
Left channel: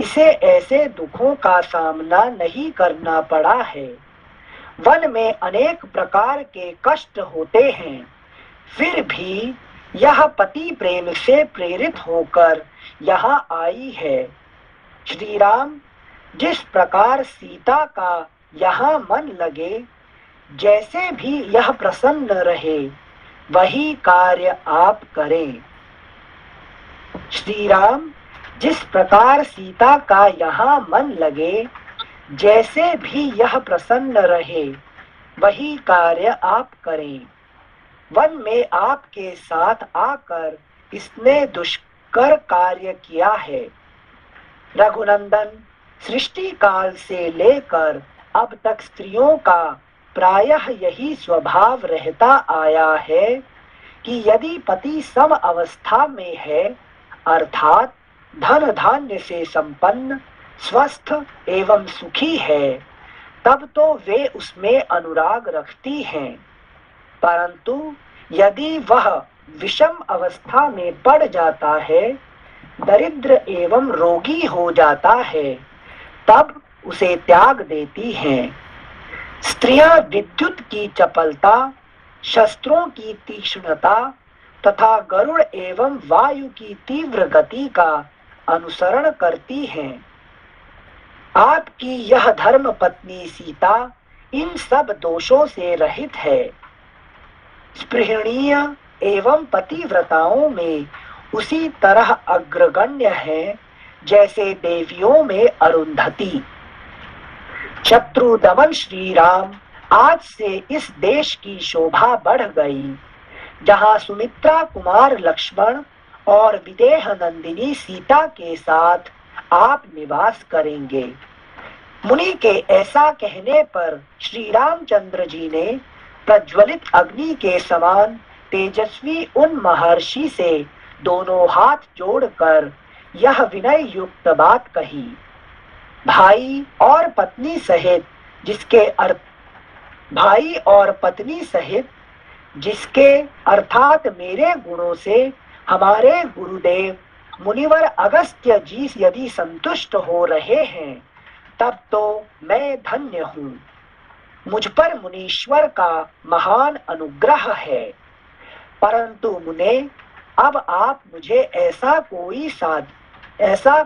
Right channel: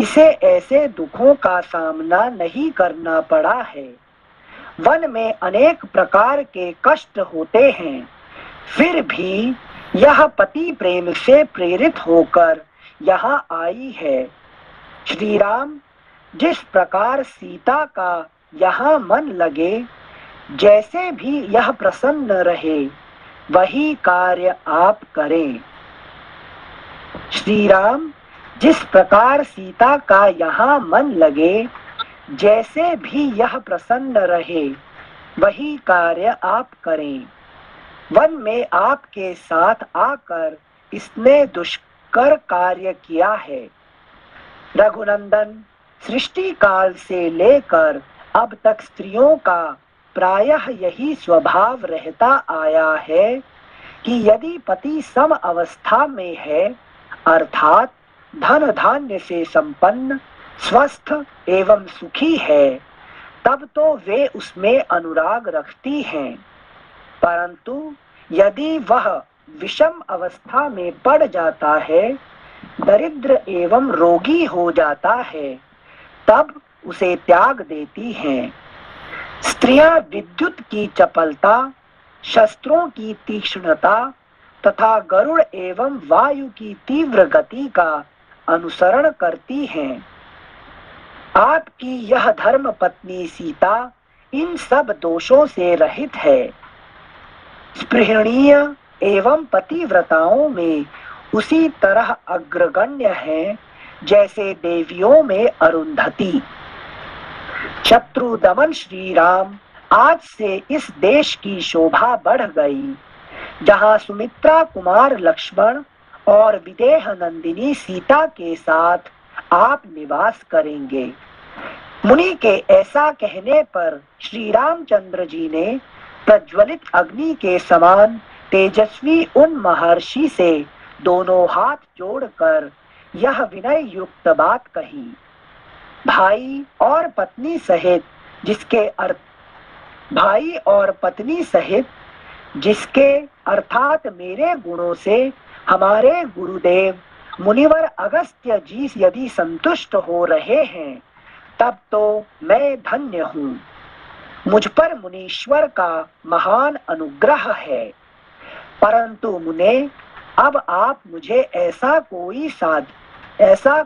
इसे ऐसे दुखों का सामना नहीं करना पड़ा है। वन में अनेक प्रकार के कष्ट होते हैं, फिर भी यह पति प्रेम से प्रेरित होकर यहाँ आई है। श्री राम, जिस प्रकार सीता का यहाँ मन लगे, जैसे भी यह प्रसन्न रहे, वही कार्य आप करें। श्री राम, जिस प्रकार सीता का यहाँ मन लगे, जैसे भी यह प्रसन्न रहे, वही कार्य आप करें। वन में आपके साथ आकर इसने दुष्कर कार्य किया है। रघुनंदन, सृष्टि काल से लेकर अब तक स्त्रियों का प्रायः यही स्वभाव रहता आया है कि यदि पति सम अवस्था में है, अर्थात धन धान्य से संपन्न, स्वस्थ एवं सुखी है, तब तो वे उसमें अनुराग रखती हैं। परंतु यदि वह विषम अवस्था में पड़ जाता है, दरिद्र एवं रोगी हो जाता है, तब उसे त्याग देती हैं। स्त्रियां विद्युत की चपलता, शस्त्रों की तीक्ष्णता तथा गरुड़ एवं वायु की तीव्र गति का अनुसरण करती हैं। आपकी यह धर्म पत्नी सीता इन सब दोषों से रहित है। स्पृहणीय एवं पतिव्रताओं में उसी तरह अग्रगण्य है जैसे देवियों में अरुंधति। शत्रु दमन श्री राम आज से इस देश की शोभा बढ़ गई, जहां सुमित्रा कुमार लक्ष्मण और विदेह नंदिनी सीता के साथ आप निवास करेंगे। मुनि के ऐसा कहने पर श्री रामचंद्र जी ने प्रज्वलित अग्नि के समान तेजस्वी उन महर्षि से दोनों हाथ जोड़कर यह विनय युक्त बात कही। भाई और पत्नी सहित जिसके अर्थात मेरे गुणों से हमारे गुरुदेव मुनिवर अगस्त्य जी यदि संतुष्ट हो रहे हैं, तब तो मैं धन्य हूँ। मुझ पर मुनीश्वर का महान अनुग्रह है। परंतु मुने, अब आप मुझे ऐसा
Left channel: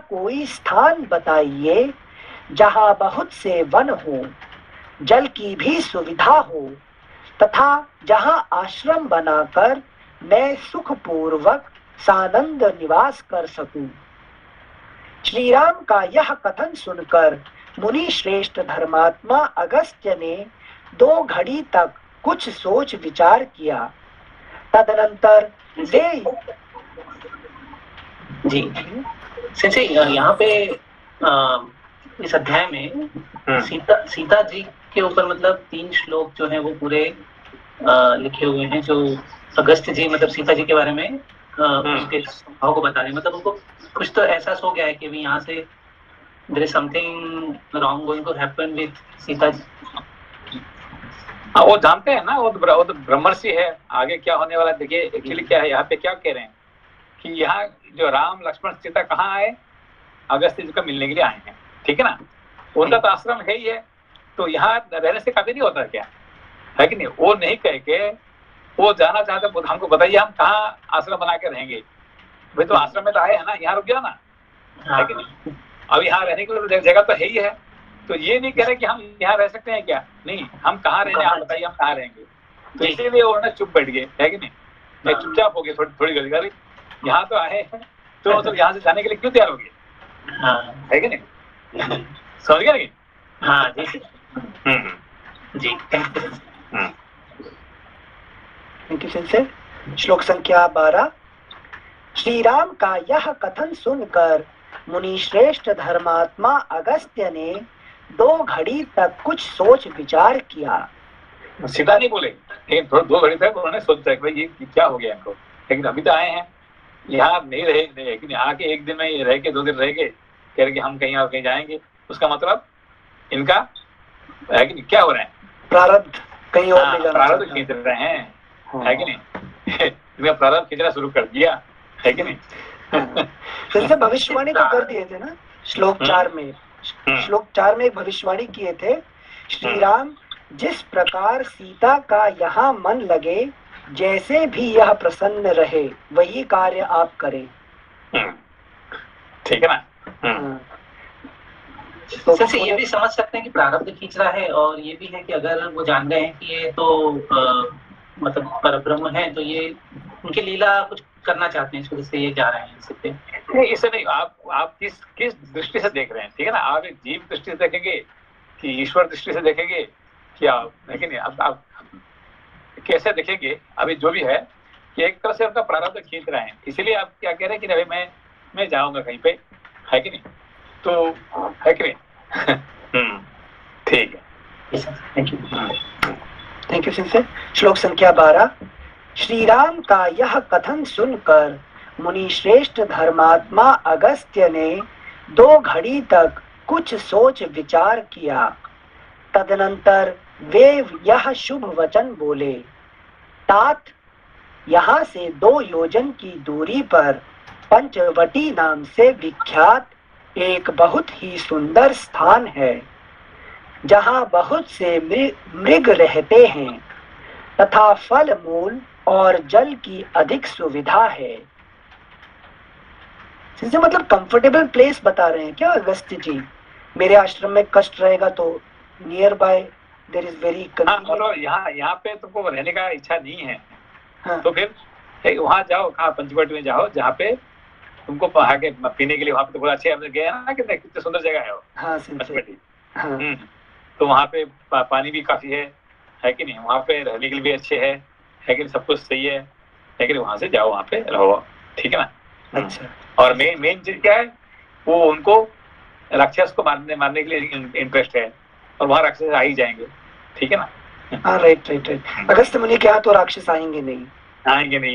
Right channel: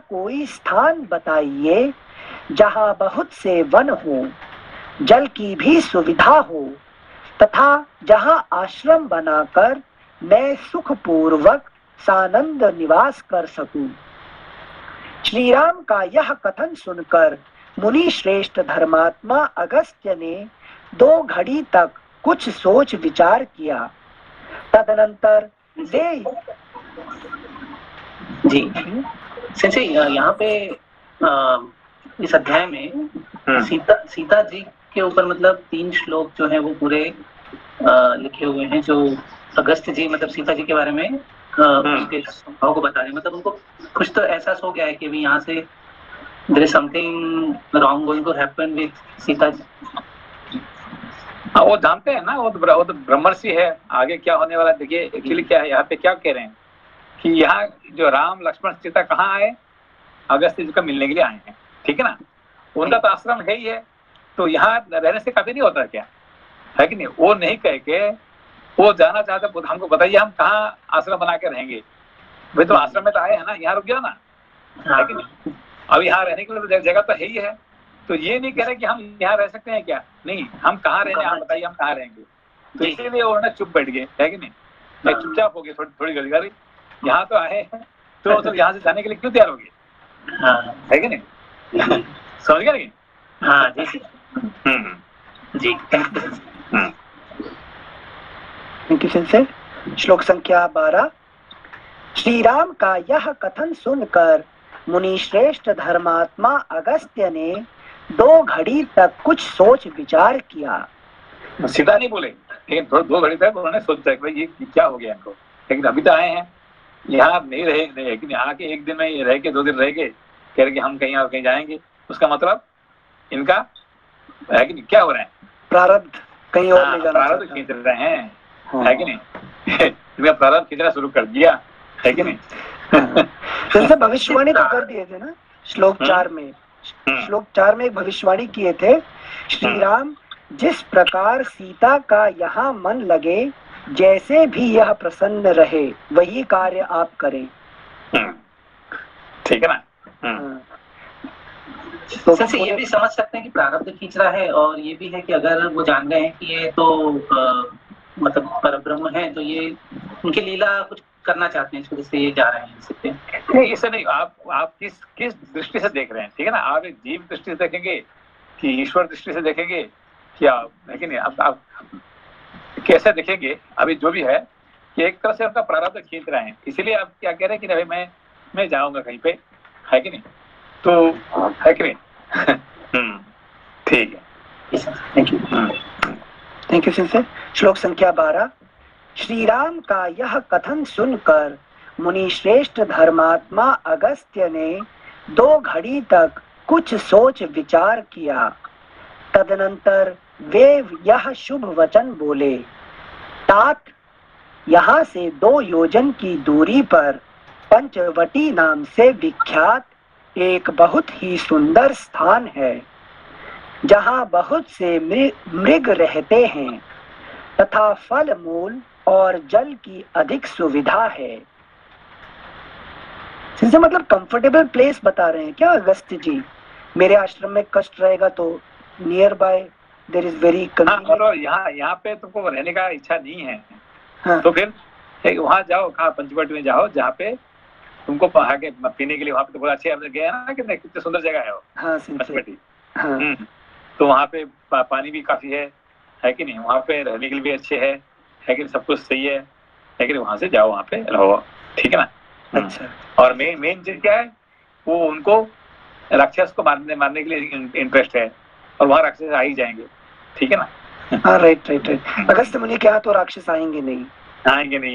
कोई स्थान बताइए जहाँ बहुत से वन हो, जल की भी सुविधा हो तथा जहाँ आश्रम बनाकर मैं सुखपूर्वक सानंद निवास कर सकूं। श्री राम का यह कथन सुनकर मुनि श्रेष्ठ धर्मात्मा अगस्त्य ने 2 घड़ी तक कुछ सोच विचार किया। तदनंतर जी संजय, यहाँ पे इस अध्याय में सीता जी के ऊपर मतलब 3 श्लोक जो है वो पूरे लिखे हुए हैं, जो अगस्त्य जी मतलब सीता जी के बारे में उनके स्वभाव को बता रहे हैं। मतलब उनको कुछ तो एहसास हो गया है कि भी यहाँ से there is something wrong going to happen with Sita ji. हाँ, वो जानते हैं ना, वो तो ब्रह्मर्षि है, आगे क्या होने वाला। देखिए एक्चुअली क्या है, यहाँ पे क्या कह रहे हैं कि यहाँ जो राम लक्ष्मण सीता कहाँ आए, अगस्त्य जी का मिलने के लिए आए हैं, ठीक है ना। उनका तो आश्रम है ही है, तो यहाँ रहने से काफी नहीं होता क्या, है कि नहीं। वो नहीं कह के वो जाना चाहते, हमको बताइए हम कहाँ आश्रम बना के रहेंगे। भाई तो आश्रम में तो आए है ना, यहाँ रुक गया ना, है कि नहीं। अब यहाँ रहने के लिए जगह तो है ही है, तो ये नहीं कह रहे कि हम यहाँ रह सकते हैं क्या, नहीं, हम कहाँ रहेंगे आप बताइए, हम कहाँ रहेंगे। तो इसीलिए वो ना चुप बैठ गए, है कि नहीं, मैं चुपचाप हो गए, थोड़ी गली यहाँ तो आए तो यहाँ से जाने के लिए क्यों तैयार हो गए, है कि नहीं। समझ गए नहीं। हाँ जी जी। Thank you sensei. श्लोक संख्या 12। श्री राम का यह कथन सुनकर मुनि श्रेष्ठ धर्मात्मा अगस्त्य ने 2 घड़ी तक कुछ सोच विचार किया। सीधा नहीं बोले, लेकिन थोड़ा 2 घड़ी तक उन्होंने सोचा कि भाई ये क्या हो गया इनको, लेकिन अभी तो आए हैं यहाँ नहीं रहे, लेकिन आके 1 दिन में रह के 2 दिन रह के कह रहे कि हम कहीं और कहीं जाएंगे, उसका मतलब इनका है कि नहीं, क्या हो रहा है, प्रारब्ध कहीं और ले जाना, प्रारब्ध खींच रहे हैं, है कि नहीं इनका प्रारब्ध खींचना शुरू कर दिया, है कि नहीं जैसे भविष्यवाणी तो कर दिए थे ना श्लोक 4 में, श्लोक 4 में भविष्यवाणी किए थे, श्री राम जिस प्रकार सीता का यहाँ मन लगे, जैसे भी यह प्रसन्न रहे, वही कार्य आप करें। ठीक है ना। तो सर ये भी समझ सकते हैं कि प्रारब्ध खींच रहा है, और ये भी है कि अगर वो जान गए हैं कि ये तो मतलब परब्रह्म है, तो ये उनकी लीला कुछ करना चाहते हैं, इस वजह से ये जा रहे हैं। नहीं, इसे नहीं, आप किस दृष्टि से देख रहे हैं, ठीक है ना। आप एक जीव दृष्टि से देखेंगे कि ईश्वर दृष्टि से देखेंगे क्या, है कि नहीं, आप कैसे देखेंगे, अभी जो भी है कि एक तरह से आपका प्रारब्ध खींच रहे हैं, इसीलिए आप क्या कह रहे हैं कि भाई मैं जाऊंगा कहीं पे, है कि नहीं, तो है कि नहीं ठीक है, थैंक यू सिंह। श्लोक संख्या 12। श्री राम का यह कथन सुनकर मुनि श्रेष्ठ धर्मात्मा अगस्त्य ने 2 घड़ी तक कुछ सोच विचार किया। तदनंतर वे यह शुभ वचन बोले, तात यहाँ से 2 योजन की दूरी पर पंचवटी नाम से विख्यात एक बहुत ही सुंदर स्थान है, जहाँ बहुत से मृग रहते हैं तथा फल मूल और जल की अधिक सुविधा है। इससे मतलब कंफर्टेबल प्लेस बता रहे हैं क्या अगस्त्य जी? मेरे आश्रम में कष्ट रहेगा तो near by there is very convenient. यहाँ पे तुमको रहने का इच्छा नहीं है, हाँ। तो फिर वहाँ जाओ, कहाँ पंचवटी में जाओ, जहाँ पे तुमको आगे पीने के लिए, वहाँ पे तो बहुत अच्छे हमने गए ना, कितनी सुंदर जगह है वो, हाँ, पंचवटी, हाँ। तो वहाँ पे पानी भी काफी है कि नहीं, वहाँ पे रहने के लिए भी अच्छे है कि नहीं, सब कुछ सही है कि नहीं, वहाँ से जाओ, वहाँ पे रहो, ठीक है ना। अच्छा, और मेन चीज क्या है, वो उनको राक्षस को मारने के लिए इंटरेस्ट है, और वहाँ राक्षस आ ही जाएंगे, ठीक है ना। हाँ, राइट। अगस्त्य मुनि क्या तो राक्षस आएंगे नहीं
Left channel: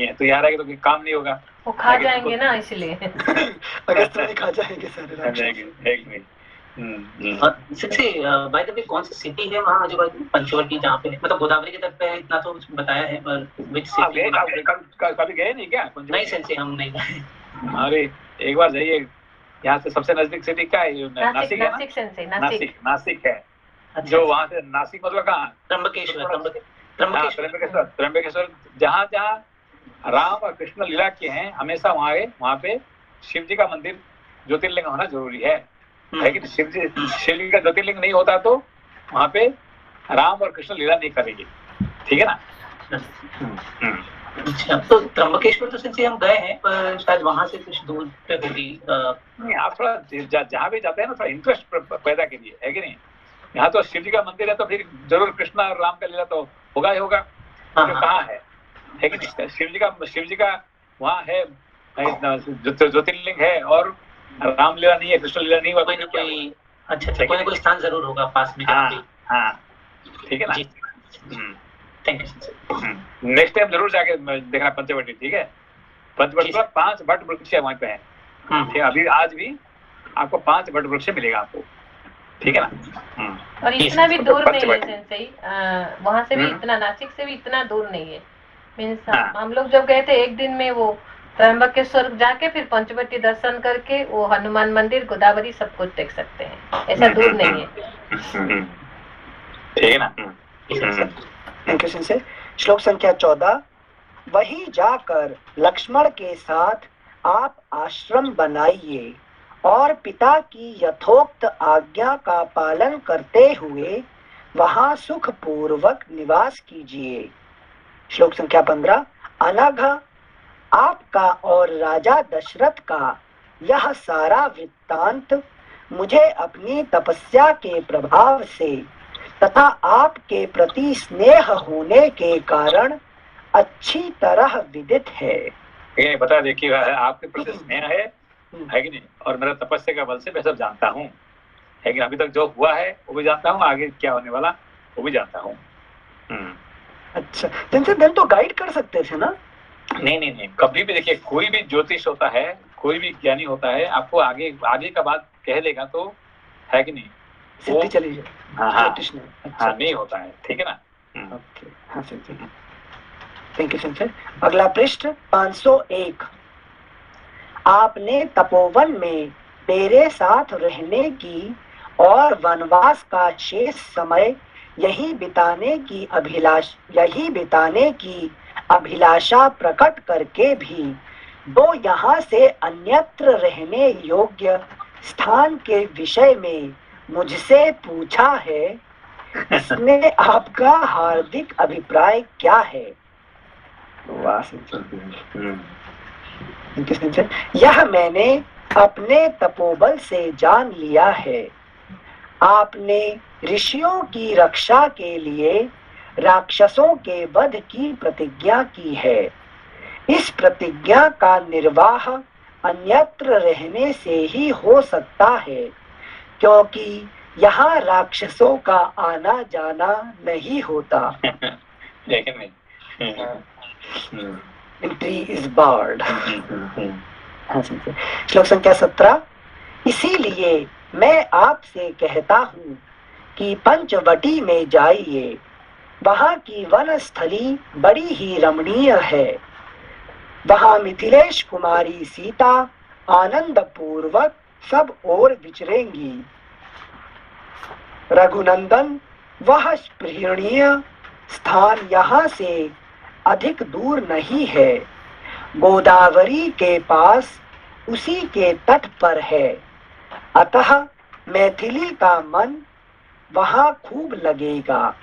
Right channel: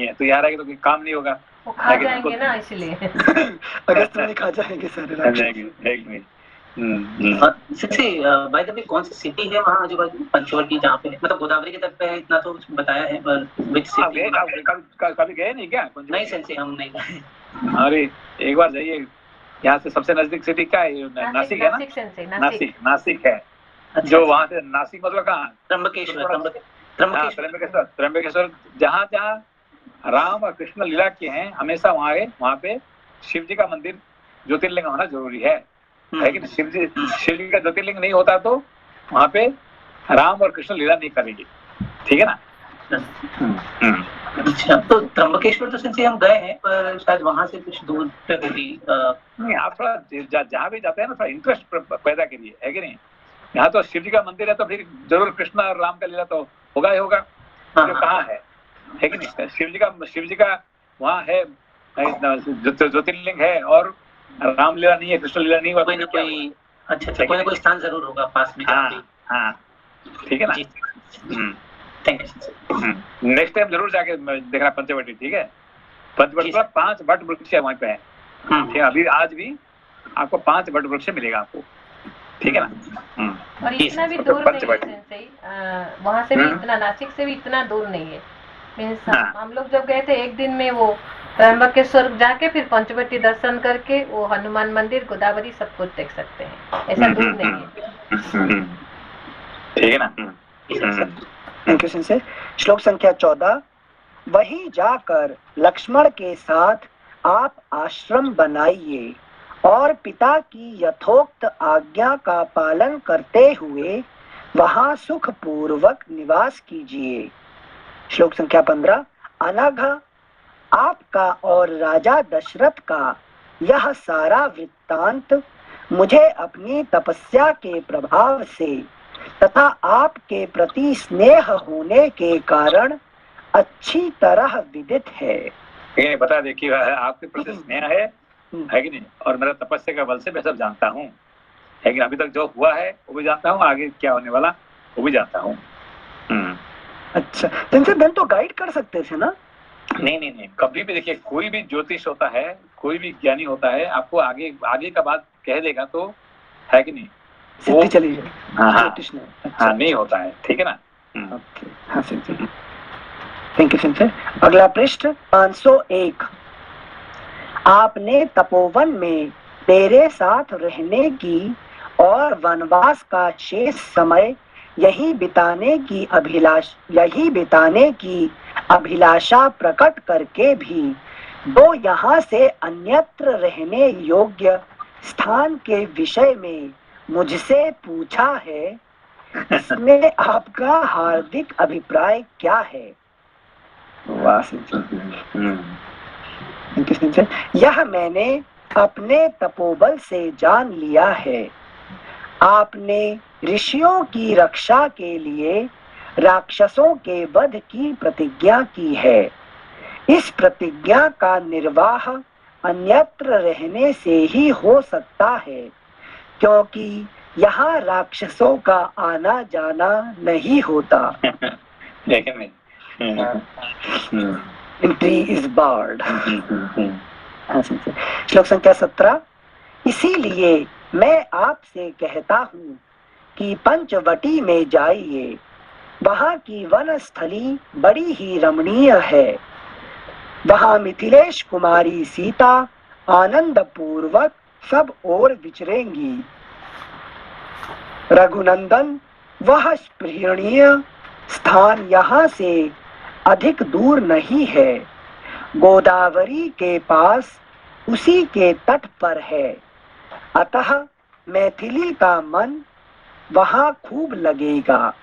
है, तो यार आएंगे तो काम नहीं होगा, वो खा जाएंगे ना, इसलिए अगस्त्य मुनि खा जाएंगे सारे। बाय द वे कौन सी सिटी है वहाँ आजू बाजू पंचवटी, जहाँ पे मतलब गोदावरी के तट पे है, इतना तो बताया है, पर विच सिटी कभी गए नहीं क्या? नहीं सेंसे हम नहीं गए। अरे एक बार जाइए, यहाँ से सबसे नजदीक सिटी क्या है? नासिक है ना, नासिक है। जो वहाँ से नासिक मतलब कहाँ? त्र्यंबकेश्वर, जहाँ राम और कृष्ण लीला किए हैं, हमेशा वहाँ पे शिव जी का मंदिर, ज्योतिर्लिंग होना जरूरी है कि शिव जी का ज्योतिर्लिंग नहीं होता तो वहाँ पे राम और कृष्ण लीला नहीं करेंगे, ठीक है ना। अच्छा, तो त्र्यंबकेश्वर तो सिंसे हम गए हैं, पर शायद वहाँ से कुछ दूर पे होगी। नहीं, आप थोड़ा जहाँ भी जाते हैं ना, थोड़ा इंटरेस्ट पैदा कीजिए, है कि नहीं। यहाँ तो शिव जी का मंदिर है, तो फिर जरूर कृष्ण और राम का लीला तो होगा ही होगा। कहाँ है कि नहीं, शिव जी का वहाँ है, ज्योतिर्लिंग है, और रामलीला नहीं है, कृष्ण लीला नहीं हुआ, कोई ना कोई अच्छा कोई ना कोई स्थान जरूर होगा पास में। हाँ, ठीक है ना। Thank you. नेक्स्ट टाइम जरूर जाके देखना पंचवटी, ठीक है। पंचवटी पर 5 वट वृक्ष है वहाँ पे है, ठीक है। अभी आज भी आपको 5 वट वृक्ष मिलेगा आपको, ठीक है ना। और इतना भी दूर नहीं है सही, वहाँ से भी इतना, नासिक से भी इतना दूर नहीं है। मीन्स हम लोग जब गए थे, एक दिन में वो त्र्यंबकेश्वर जाके फिर पंचवटी दर्शन करके वो हनुमान मंदिर, गोदावरी सब कुछ देख सकते हैं, ऐसा दूर नहीं है, ठीक है ना। Thank you sensei. श्लोक संख्या 14। वहीं जाकर लक्ष्मण के साथ आप आश्रम बनाइए और पिता की यथोक्त आज्ञा का पालन करते हुए वहां सुख पूर्वक निवास कीजिए। श्लोक संख्या 15। अनघ आपका और राजा दशरथ का यह सारा वृत्तांत मुझे अपनी तपस्या के प्रभाव से तथा आपके प्रति स्नेह होने के कारण अच्छी तरह विदित है। बता देखिए, आपके प्रति स्नेह है है कि नहीं, और मेरा तपस्या का बल से मैं सब जानता हूँ, है कि अभी तक जो हुआ है वो भी जानता हूँ, आगे क्या होने वाला वो भी जानता हूँ। अच्छा, देन तो गाइड कर सकते थे ना? नहीं, कभी भी देखिए, कोई भी ज्योतिष होता है, कोई भी ज्ञानी होता है, आपको आगे का बात कह देगा तो, है कि नहीं, सिद्धि चली जाए। हाँ, नहीं होता है, ठीक है ना। ओके, हाँ सिद्धि। Thank you Singh. अगला पृष्ठ 501। आपने तपोवन में मेरे साथ रहने की और वनवास का शेष समय यही बिताने की अभिलाषा प्रकट करके भी दो यहाँ से अन्यत्र रहने योग्य स्थान के विषय में मुझसे पूछा है, इसमें आपका हार्दिक अभिप्राय क्या है? यह मैंने अपने तपोबल से जान लिया है। आपने ऋषियों की रक्षा के लिए राक्षसों के वध की प्रतिज्ञा की है। इस प्रतिज्ञा का निर्वाह अन्यत्र रहने से ही हो सकता है, क्योंकि यहाँ राक्षसों का आना जाना नहीं होता। Entry is barred। श्लोक संख्या 17। इसीलिए मैं आपसे कहता हूँ कि पंचवटी में जाइए, वहाँ की वनस्थली बड़ी ही रमणीय है। वहाँ मिथिलेश कुमारी सीता आनंद पूर्वक सब ओर विचरेंगी। रघुनंदन, वह स्पृहणीय स्थान यहाँ से अधिक दूर नहीं है, गोदावरी के पास उसी के तट पर है, अतः मैथिली का मन वहाँ खूब लगेगा।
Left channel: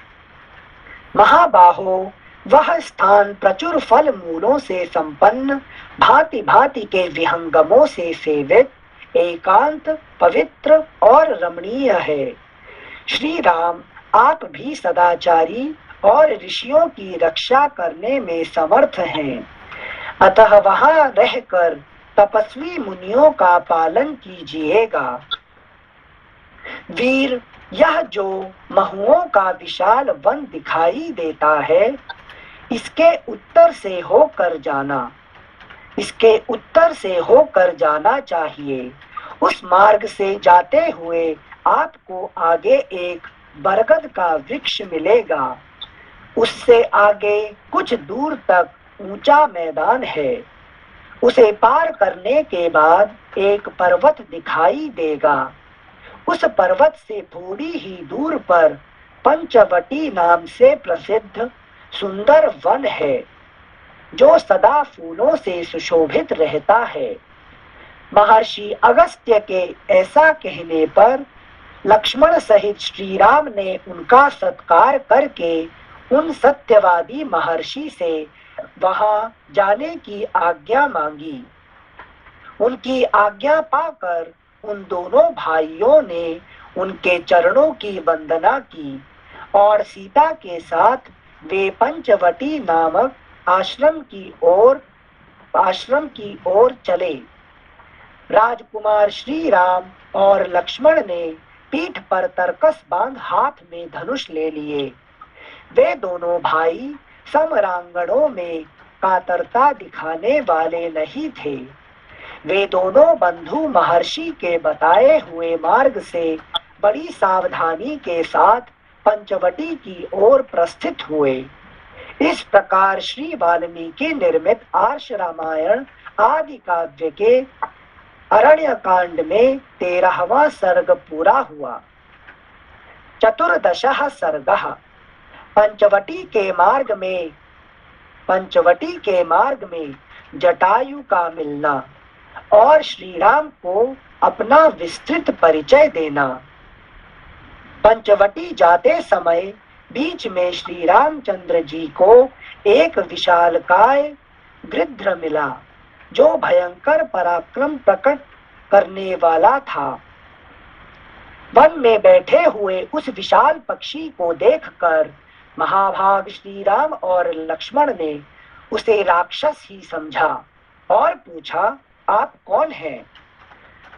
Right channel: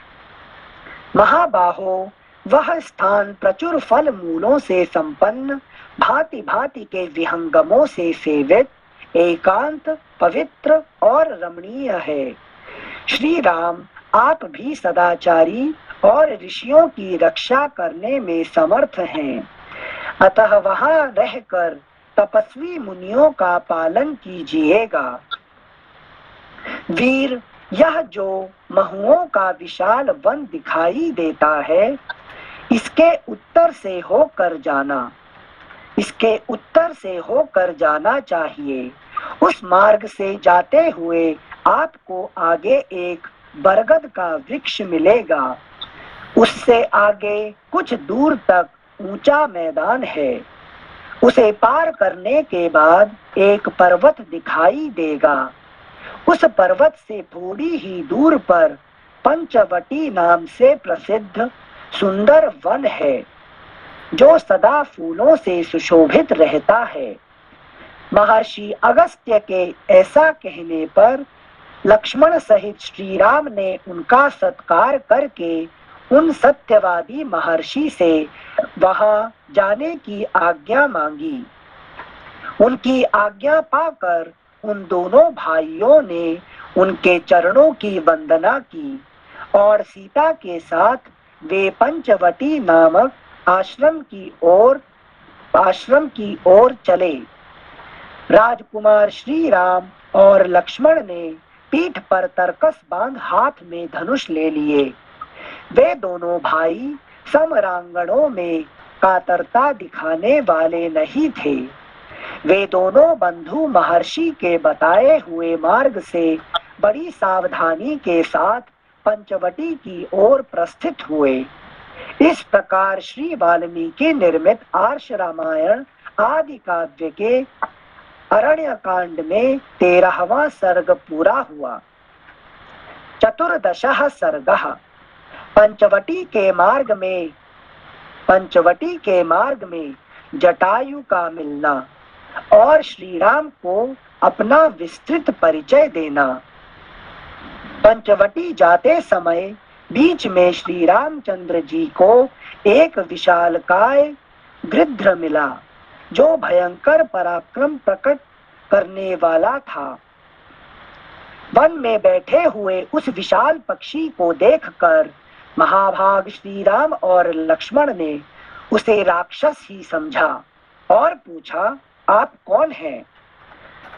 महाबाहो, वह स्थान प्रचुर फल मूलों से संपन्न, भांति भांति के विहंगमों से सेवित, एकांत, पवित्र और रमणीय है। श्री राम, आप भी सदाचारी और ऋषियों की रक्षा करने में समर्थ हैं, अतः वहां रहकर तपस्वी मुनियों का पालन कीजिएगा। वीर, यह जो महुओं का विशाल वन दिखाई देता है, इसके उत्तर से होकर जाना चाहिए। उस मार्ग से जाते हुए आपको आगे एक बरगद का वृक्ष मिलेगा। उससे आगे कुछ दूर तक ऊंचा मैदान है। उसे पार करने के बाद एक पर्वत दिखाई देगा। उस पर्वत से थोड़ी ही दूर पर पंचवटी नाम से प्रसिद्ध सुंदर वन है, जो सदा फूलों से सुशोभित रहता है। महर्षि अगस्त्य के ऐसा कहने पर लक्ष्मण सहित श्री राम ने उनका सत्कार करके उन सत्यवादी महर्षि से वहां जाने की आज्ञा मांगी। उनकी आज्ञा पाकर उन दोनों भाइयों ने उनके चरणों की वंदना की और सीता के साथ वे पंचवटी नामक आश्रम की ओर चले। राजकुमार श्री राम और लक्ष्मण ने पीठ पर तरकस बांध हाथ में धनुष ले लिए। वे दोनों भाई समरांगणों में कातरता दिखाने वाले नहीं थे। वे दोनों बंधु महर्षि के बताए हुए मार्ग से बड़ी सावधानी के साथ पंचवटी की ओर प्रस्थित हुए। इस प्रकार श्री वाल्मीकि निर्मित आर्ष रामायण आदि काव्य के अरण्य कांड में 13वां सर्ग पूरा हुआ। 14 सर्गः। पंचवटी के मार्ग में जटायु का मिलना और श्री राम को अपना विस्तृत परिचय देना। पंचवटी जाते समय बीच में श्री रामचंद्र जी को एक विशालकाय गृध्र मिला, जो भयंकर पराक्रम प्रकट करने वाला था। वन में बैठे हुए उस विशाल पक्षी को देखकर महाभाग श्री राम और लक्ष्मण ने उसे राक्षस ही समझा और पूछा, आप कौन हैं?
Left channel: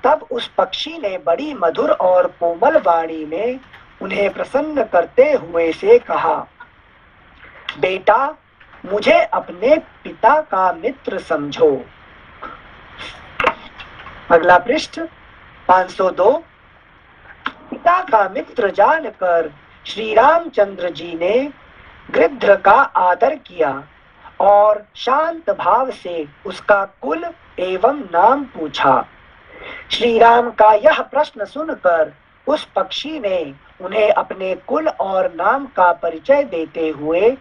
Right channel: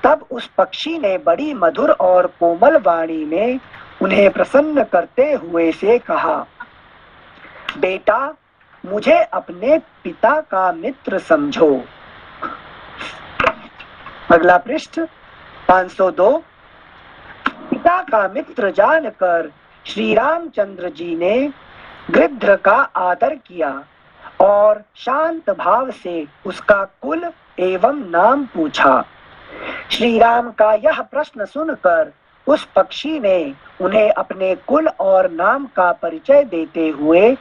तब उस पक्षी ने बड़ी मधुर और कोमल वाणी में उन्हें प्रसन्न करते हुए से कहा, बेटा, मुझे अपने पिता का मित्र समझो। अगला पृष्ठ 502। पिता का मित्र जानकर श्री रामचंद्र जी ने गृध्र का आदर किया और शांत भाव से उसका कुल एवं नाम पूछा। श्री राम का यह प्रश्न सुनकर उस पक्षी ने उन्हें अपने कुल और नाम का परिचय देते हुए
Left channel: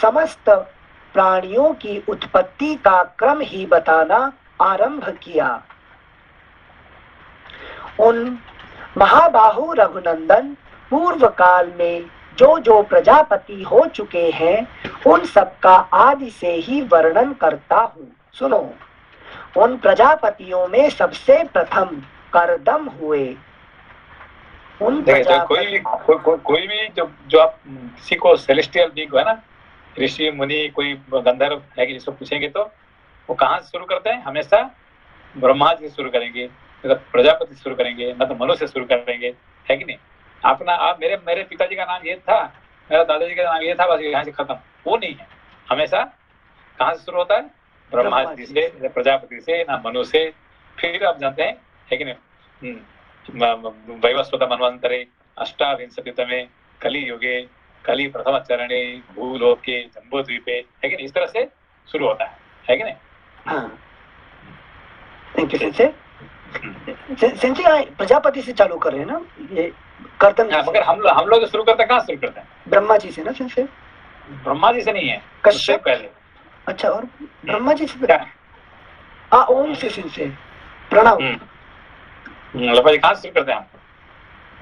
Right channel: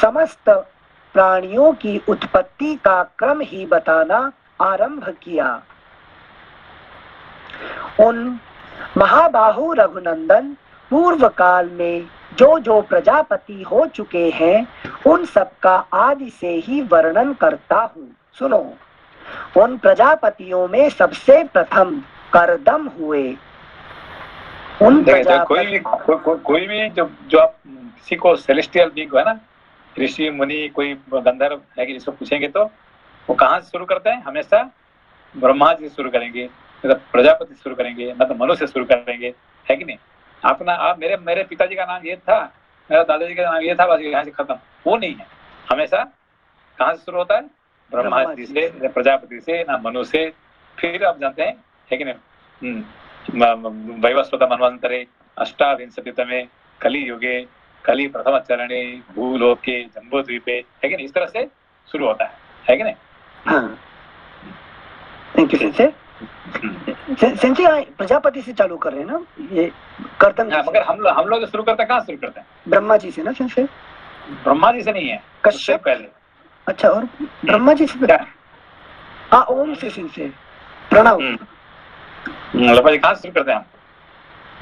समस्त प्राणियों की उत्पत्ति का क्रम ही बताना आरंभ किया। उन महाबाहु रघुनंदन पूर्व काल में जो जो प्रजापति हो चुके हैं उन सब का आदि से ही वर्णन करता हूँ। सुनो, उन प्रजापतियों में सबसे प्रथम करदम हुए। उन कोई भी जो आप किसी को सेलेस्टियल बीइंग है ना, ऋषि मुनि कोई गंधर्व है कि जिसको पूछेंगे तो वो कहाँ से शुरू करते हैं? हमेशा ब्रह्मा जी से शुरू करेंगे, मतलब प्रजापति से शुरू करेंगे, मतलब मनु से शुरू करेंगे, है कि नहीं? अपना आप मेरे पिताजी का नाम ये था, मेरा दादाजी का नाम ये था, बस यहाँ से खत्म, वो नहीं है। हमेशा कहाँ से शुरू होता है? ब्रह्मा जी से, प्रजापति से, ना मनु से, फिर आप जानते हैं, है कि नहीं? वैवस्वत मनवंतरे अष्टाविंशतितमे कली युगे कली प्रथम चरणे भूलोके जम्बूद्वीपे, है कि नहीं? इस तरह से शुरू होता है कि नहीं? हाँ, thank you sensei. Sensei Prajapati से चालू कर रहे हैं ना ये कर्तन। मगर हम लोग शुरू करते हैं, कहाँ शुरू करते हैं? ब्रह्मा जी से ना सेंसे? ब्रह्मा जी से नहीं है, कश्यप पहले। अच्छा, और ब्रह्मा जी से? हाँ, ओम से सेंसे प्रणव। कहाँ शुरू करते हैं हम?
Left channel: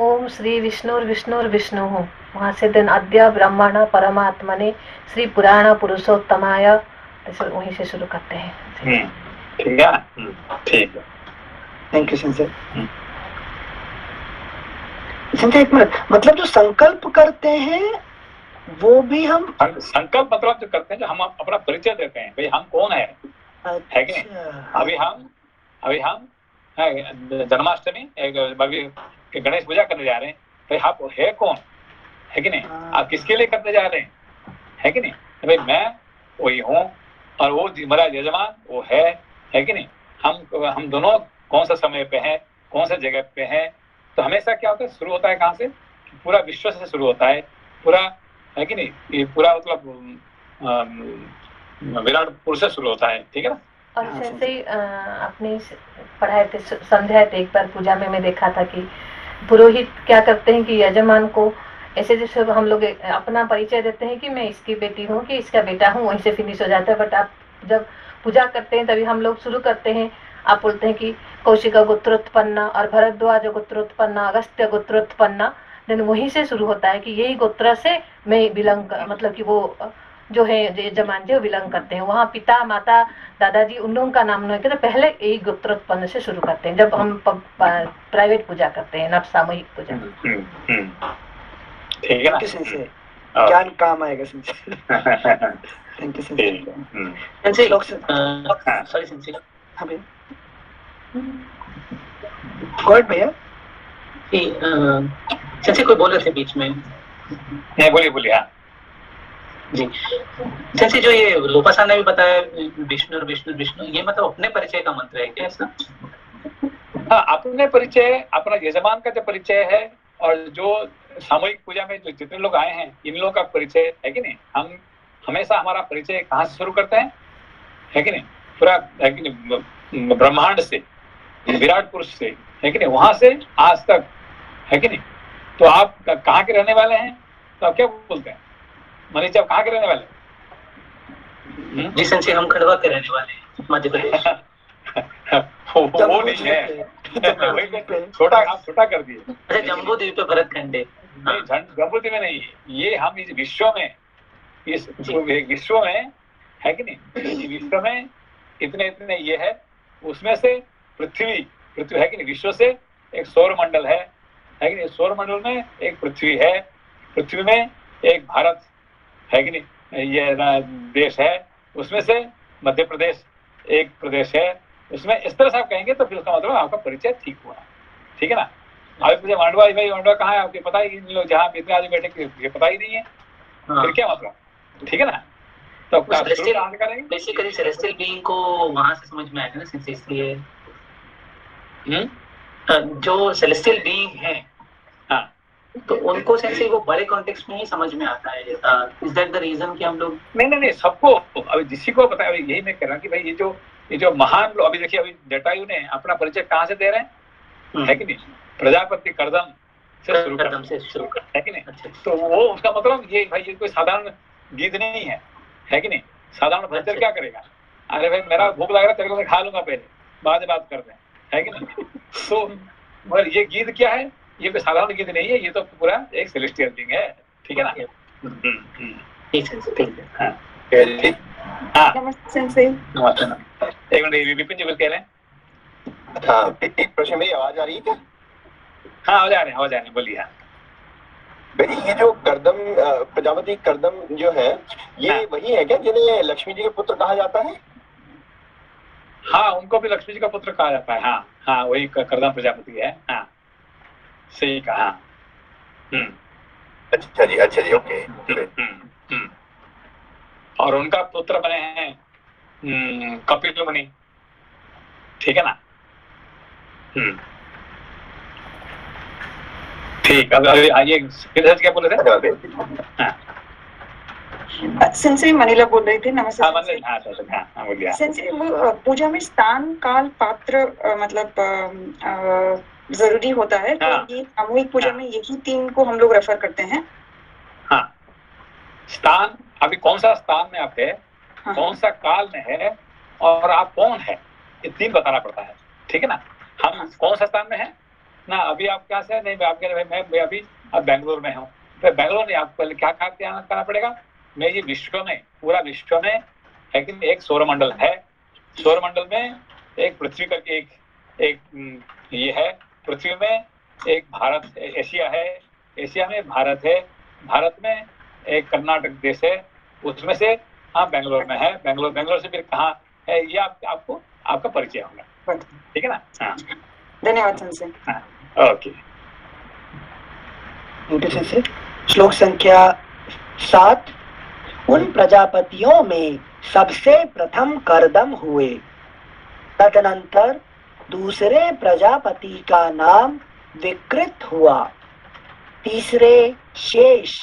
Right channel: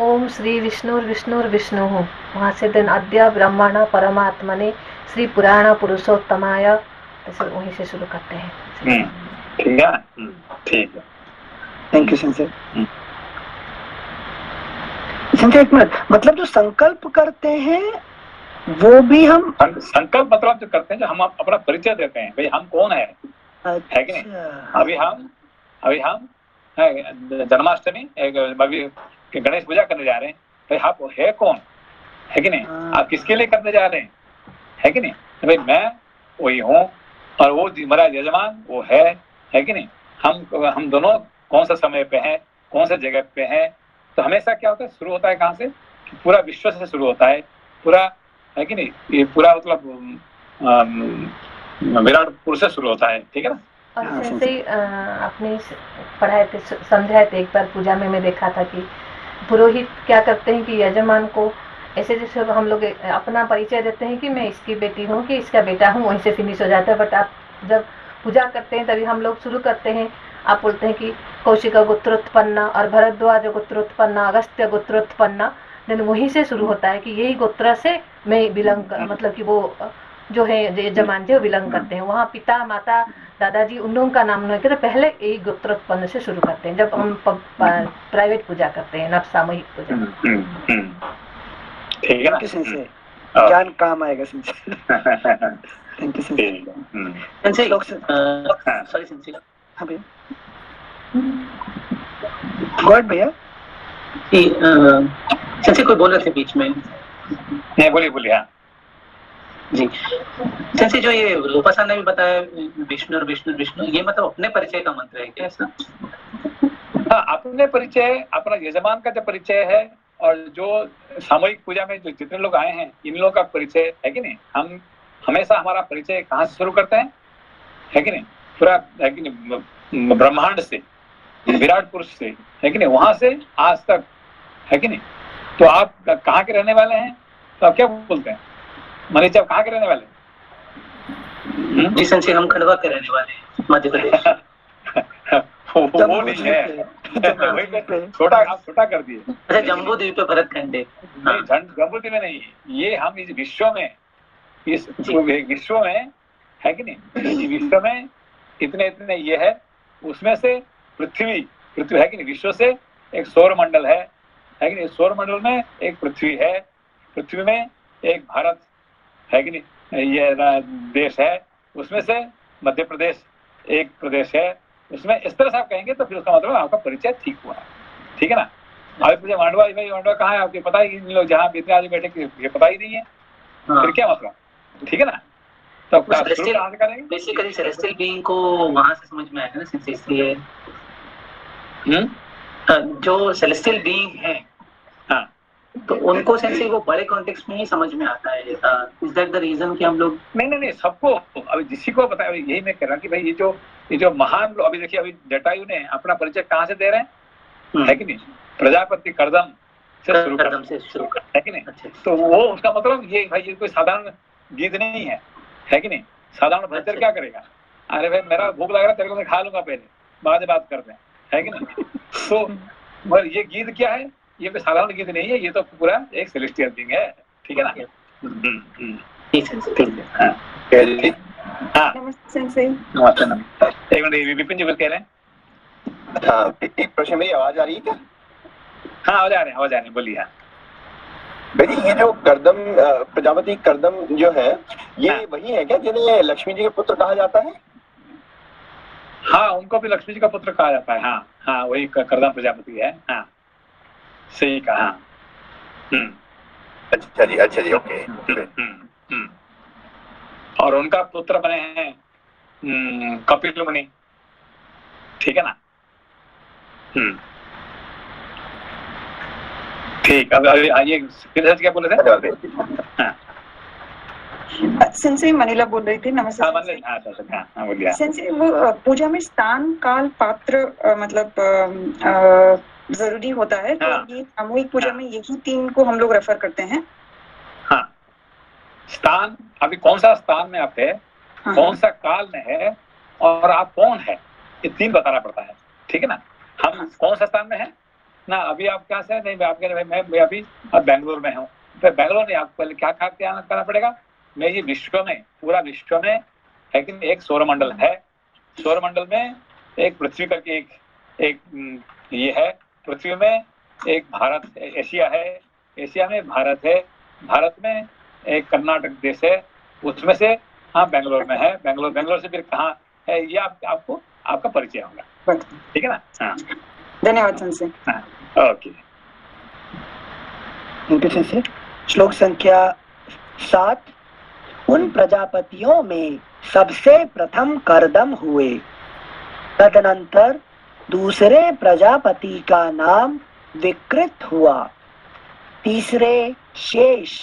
ओम श्री विष्णु वहाँ से दिन अद्य ब्रह्मण परमात्मने श्री पुराण पुरुषोत्तमाय, वहीं से शुरू करते हैं। ठीक है, ठीक है, थैंक यू सेंसे। सेंसे एक मिनट, मतलब जो संकल्प करते हैं वो भी हम संकल्प मतलब जो करते हैं, जो हम अपना परिचय देते हैं, भाई हम कौन है कि नहीं? अभी हम जन्माष्टमी गणेश पूजा करने जा रहे हैं, भाई आप है कौन, है कि नहीं? आप किसके लिए करने जा रहे हैं, है कि नहीं? भाई मैं वही हूँ और वो हमारा यजमान वो है कि नहीं? हम दोनों कौन सा समय पे हैं, कौन सा जगह पे हैं? तो हमेशा क्या होता है, शुरू होता है कहाँ से? पूरा विश्व से शुरू होता है, पूरा, है कि नहीं? ये पूरा मतलब विराट पुरुष से शुरू होता है, ठीक है ना? और जैसे ही अपने पढ़ाए थे, समझाए थे एक बार पूजा में, मैं देखा था कि पुरोहित क्या करते हैं कि यजमान को ऐसे जैसे हम लोग अपना परिचय देते हैं कि मैं इसकी बेटी हूँ, कि इसका बेटा हूँ, वहीं से फिनिश हो जाता है। बट आप जब पूजा करते हैं तभी हम लोग शुरू करते हैं, आप बोलते हैं कि कौशिक गोत्रोत्पन्न और भरद्वाज गोत्रोत्पन्न, अगस्त्य गोत्रोत्पन्न, देन वहीं से शुरू होता है कि यही गोत्र से मैं बिलोंग, मतलब कि वो जो है यजमान जो बिलोंग करते हैं, वहाँ पिता माता दादाजी उन लोगों का नाम नहीं करते, पहले यही गोत्रोत्पन्न से शुरू करते हैं जब हम प्राइवेट पूजा करते हैं, न सामूहिक पूजा। ठीक है ना? ज्ञान काम आएगा। थैंक यू भैया। जैसे कोई बोल रहे थे बीच में, नहीं बोलिए। हाँ जी, जैसे जो ये लोपासा ने भी बताया विष्णु, ये मतलब अपने परिचय का मंत्र है क्या ऐसा? हाँ, अपने परिचय, अपना यजमान का जो परिचय है, और जो सामूहिक पूजा में जो जितने लोग आए हैं इन लोगों का परिचय, है कि नहीं? हम हमेशा हमारा परिचय कहाँ से शुरू करते हैं, है कि नहीं? पूरा, है कि नहीं, ब्रह्मांड से, विराट पुरुष से, है कि नहीं? वहां से आज तक, है कि नहीं? तो आप कहाँ के रहने वाले हैं? तो आप क्या बोलते हैं? मनीष, आप कहाँ के रहने वाले? जी, हम खंडवा के रहने वाले हैं, मध्य प्रदेश। वो नहीं है, छोटा कर दिए। जम्बू द्वीप पे भरतखंड है। जम्बू द्वीप में नहीं, ये हम इस विश्व में, विश्व में, है कि नहीं? विश्व में इतने ये है, उसमें से पृथ्वी, है कि नहीं? विश्व से एक सौर मंडल है कि नहीं? सौर मंडल में एक पृथ्वी है, पृथ्वी में एक भारत, है कि नहीं? ये देश है, उसमें से मध्य प्रदेश एक प्रदेश है, उसमें इस तरह से आप कहेंगे तो फिर उसका मतलब आपका परिचय ठीक हुआ, ठीक है ना। अब मुझे मांडवा भाई मांडवा कहाँ है आपके पता ही नहीं, लोग जहाँ इतने आदमी बैठे ये पता ही नहीं है, फिर क्या मतलब, ठीक है ना। तो बेसिकली सेलेस्टियल बीइंग को वहां से समझ में आएगा ना, सिंस इसलिए जो सेलेस्टियल बीइंग है, हाँ, तो उनको सेंस वो बड़े कॉन्टेक्स्ट में ही समझ में आता है। इज दैट द रीजन कि हम लोग नहीं सबको, अभी जिसी को बताया, यही मैं कह रहा हूँ कि भाई ये जो महान लोग, अभी देखिए अभी जटायु ने अपना परिचय कहाँ से दे रहे हैं, है कि नहीं, प्रजापति कर्दम से शुरू कर, है कि नहीं। अच्छा। तो वो उसका मतलब ये भाई ये कोई साधारण गीत नहीं है कि नहीं। साधारण भजन क्या करेगा, अरे भाई मेरा भूख लग रहा है, तेरे को मैं खा लूंगा, पहले बाद में बात करते हैं, है कि नहीं। तो ये गीत क्या है, ये कोई साधारण गीत नहीं है, ये तो पूरा एक सेलेस्टियल थिंग है, ठीक है ना। नमस्ते, एक मिनट विपिन जी कुछ कह रहे हैं। हाँ, एक प्रश्न में आवाज आ रही है क्या? हाँ आवाज आ रही है, बोलिए। भाई ये जो कर्दम प्रजापति कर्दम जो है, ये हाँ। वही है क्या जिन्हें लक्ष्मी जी का पुत्र कहा जाता है? हाँ, उनको भी लक्ष्मी जी का पुत्र कहा जाता है। हाँ वही कर्दम प्रजापति है। हाँ सही कहा। अच्छा जी ओके। और उनका पुत्र बने हैं कपिल मुनि, ठीक है ना। ठीक, अब आइए क्या बोले थे। सेंसई मनीला बोल रही थी। नमस्ते। हाँ बोलिए। सेंसई वो पूजा में स्थान काल पात्र मतलब जरूरी होता है। हाँ। तो ये सामूहिक पूजा में यही 3 को हम लोग रेफर करते हैं। हाँ, स्थान, अभी कौन सा स्थान में आप है, हाँ। कौन सा काल में है, और आप कौन है, ये 3 बताना पड़ता है, ठीक है ना। हम कौन सा स्थान में है ना, अभी आप क्या से नहीं, आप कह रहे मैं अभी बेंगलोर में हूँ, तो बेंगलोर में आपको क्या करना पड़ेगा, मैं ये विश्व में, पूरा विश्व में है कि एक सौरमंडल है, सौरमंडल में एक पृथ्वी करके एक ये है, पृथ्वी में एक भारत, एशिया है, एशिया में भारत है, भारत में एक कर्नाटक देश है, उसमें से हाँ बेंगलोर में है, बेंगलोर से फिर कहाँ है, ये आपको आपका परिचय होगा, ठीक है ना। हाँ धन्यवाद सेंसई। हाँ ओके। श्लोक संख्या 7। उन प्रजापतियों में सबसे प्रथम कर्दम हुए, तदनंतर दूसरे प्रजापति का नाम विकृत हुआ, तीसरे शेष,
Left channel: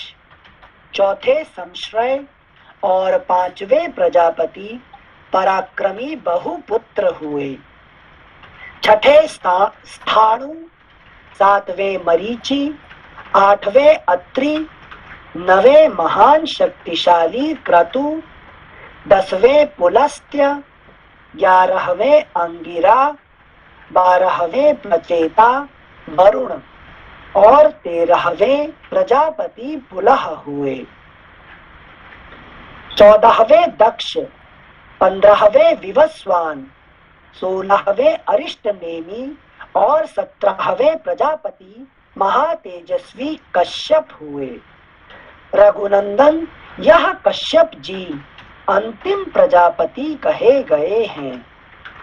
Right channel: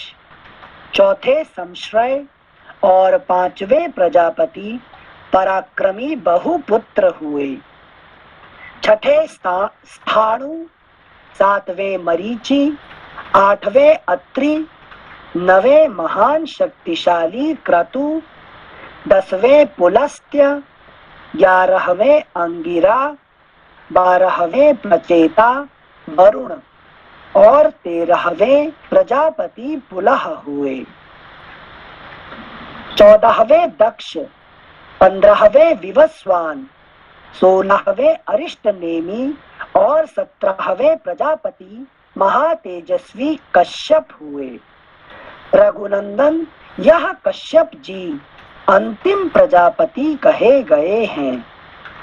चौथे संश्रय और 5वें प्रजापति पराक्रमी बहुपुत्र हुए, छठे स्थाणु, 7वें मरीचि, 8वें अत्रि, 9वें महान शक्तिशाली क्रतु, 10वें पुलस्त्य, 11वें अंगिरा, 12वें प्रचेता वरुण और 13वें प्रजापति पुलह हुए, 14वें दक्ष, 15वें विवस्वान, 16वें अरिष्टनेमी और 17वें प्रजापति महातेजस्वी कश्यप हुए। रघुनंदन, यह कश्यप जी अंतिम प्रजापति कहे गए हैं।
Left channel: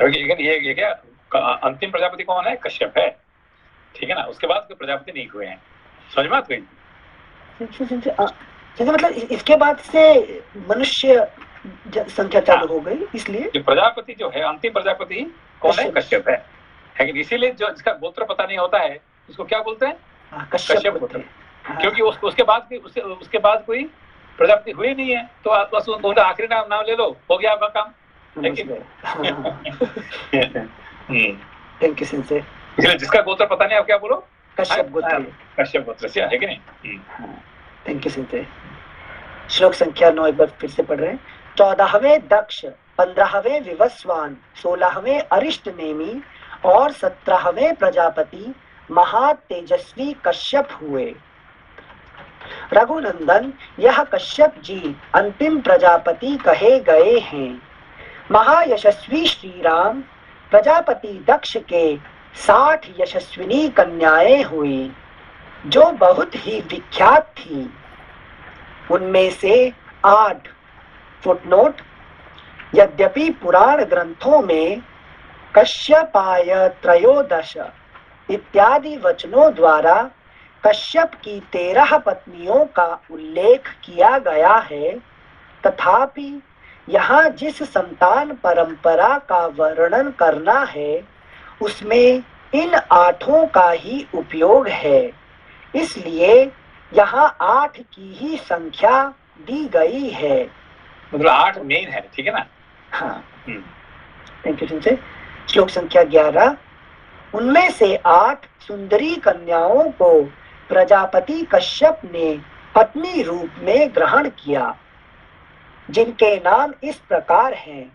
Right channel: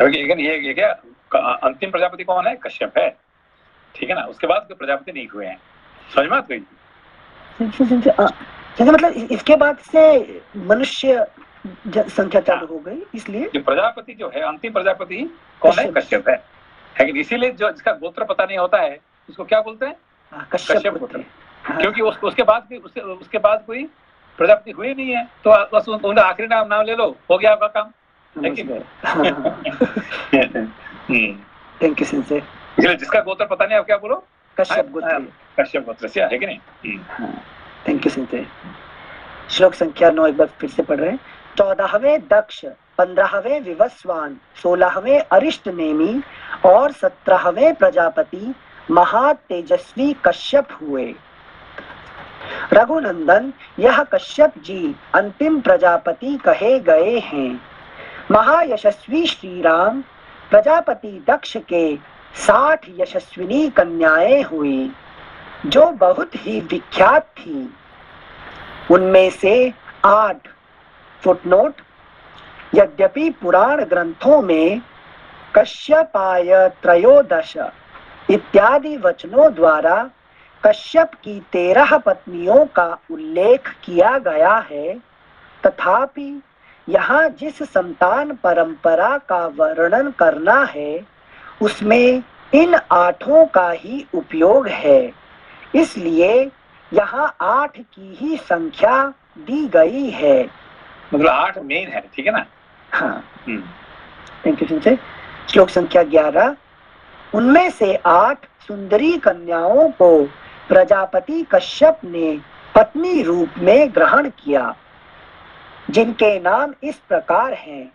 ये क्या अंतिम प्रजापति कौन है, कश्यप है, ठीक है ना। उसके बाद कोई प्रजापति नहीं हुए हैं, समझ में आती है। मतलब इसके बाद से मनुष्य संख्या चालू हो गई, इसलिए जो प्रजापति जो है, अंतिम प्रजापति कौन है, कश्यप है। लेकिन इसीलिए जो जिसका गोत्र पता नहीं होता है उसको क्या बोलते हैं, कश्यप गोत्र। क्योंकि उसके बाद कोई प्रजापति हुई नहीं है, तो बस उनका आखिरी नाम ले लो, हो गया आपका काम। Thank you sensei. जिसका गोत्र पता नहीं, आप क्या बोलो, कश्यप गोत्र, कश्यप गोत्र से है कि नहीं। Thank you sensei. श्लोक संख्या 9 एक बार फिर से पढ़ रहे हैं। 14वें दक्ष, 15वें विवस्वान, 16वें अरिष्टनेमी और 17वें प्रजापति महातेजस्वी कश्यप हुए। रघुनंदन, यह कश्यप जी अंतिम प्रजापति कहे गए हैं। महायशस्वी श्री राम, प्रजापति दक्ष के 60 यशस्विनी कन्याएं हुई, जो बहुत ही विख्यात थी। उनमें से 8 फुटनोट, यद्यपि पुराण ग्रंथों में कश्यपाय त्रयोदश इत्यादि वचनों द्वारा कश्यप की 13 पत्नियों का उल्लेख किया गया है, तथापि यहाँ जिस संतान परंपरा का वर्णन करना है उसमें इन 8 का ही उपयोग है, इसलिए यहाँ 8 की ही संख्या दी गई है। मतलब 8 मेन है, ठीक है ना? हाँ, थैंक यू। श्लोक संख्या 11। उनमें से 8 सुंदरी कन्याओं को प्रजापति कश्यप ने पत्नी रूप में ग्रहण किया, जिनके नाम इस प्रकार हैं:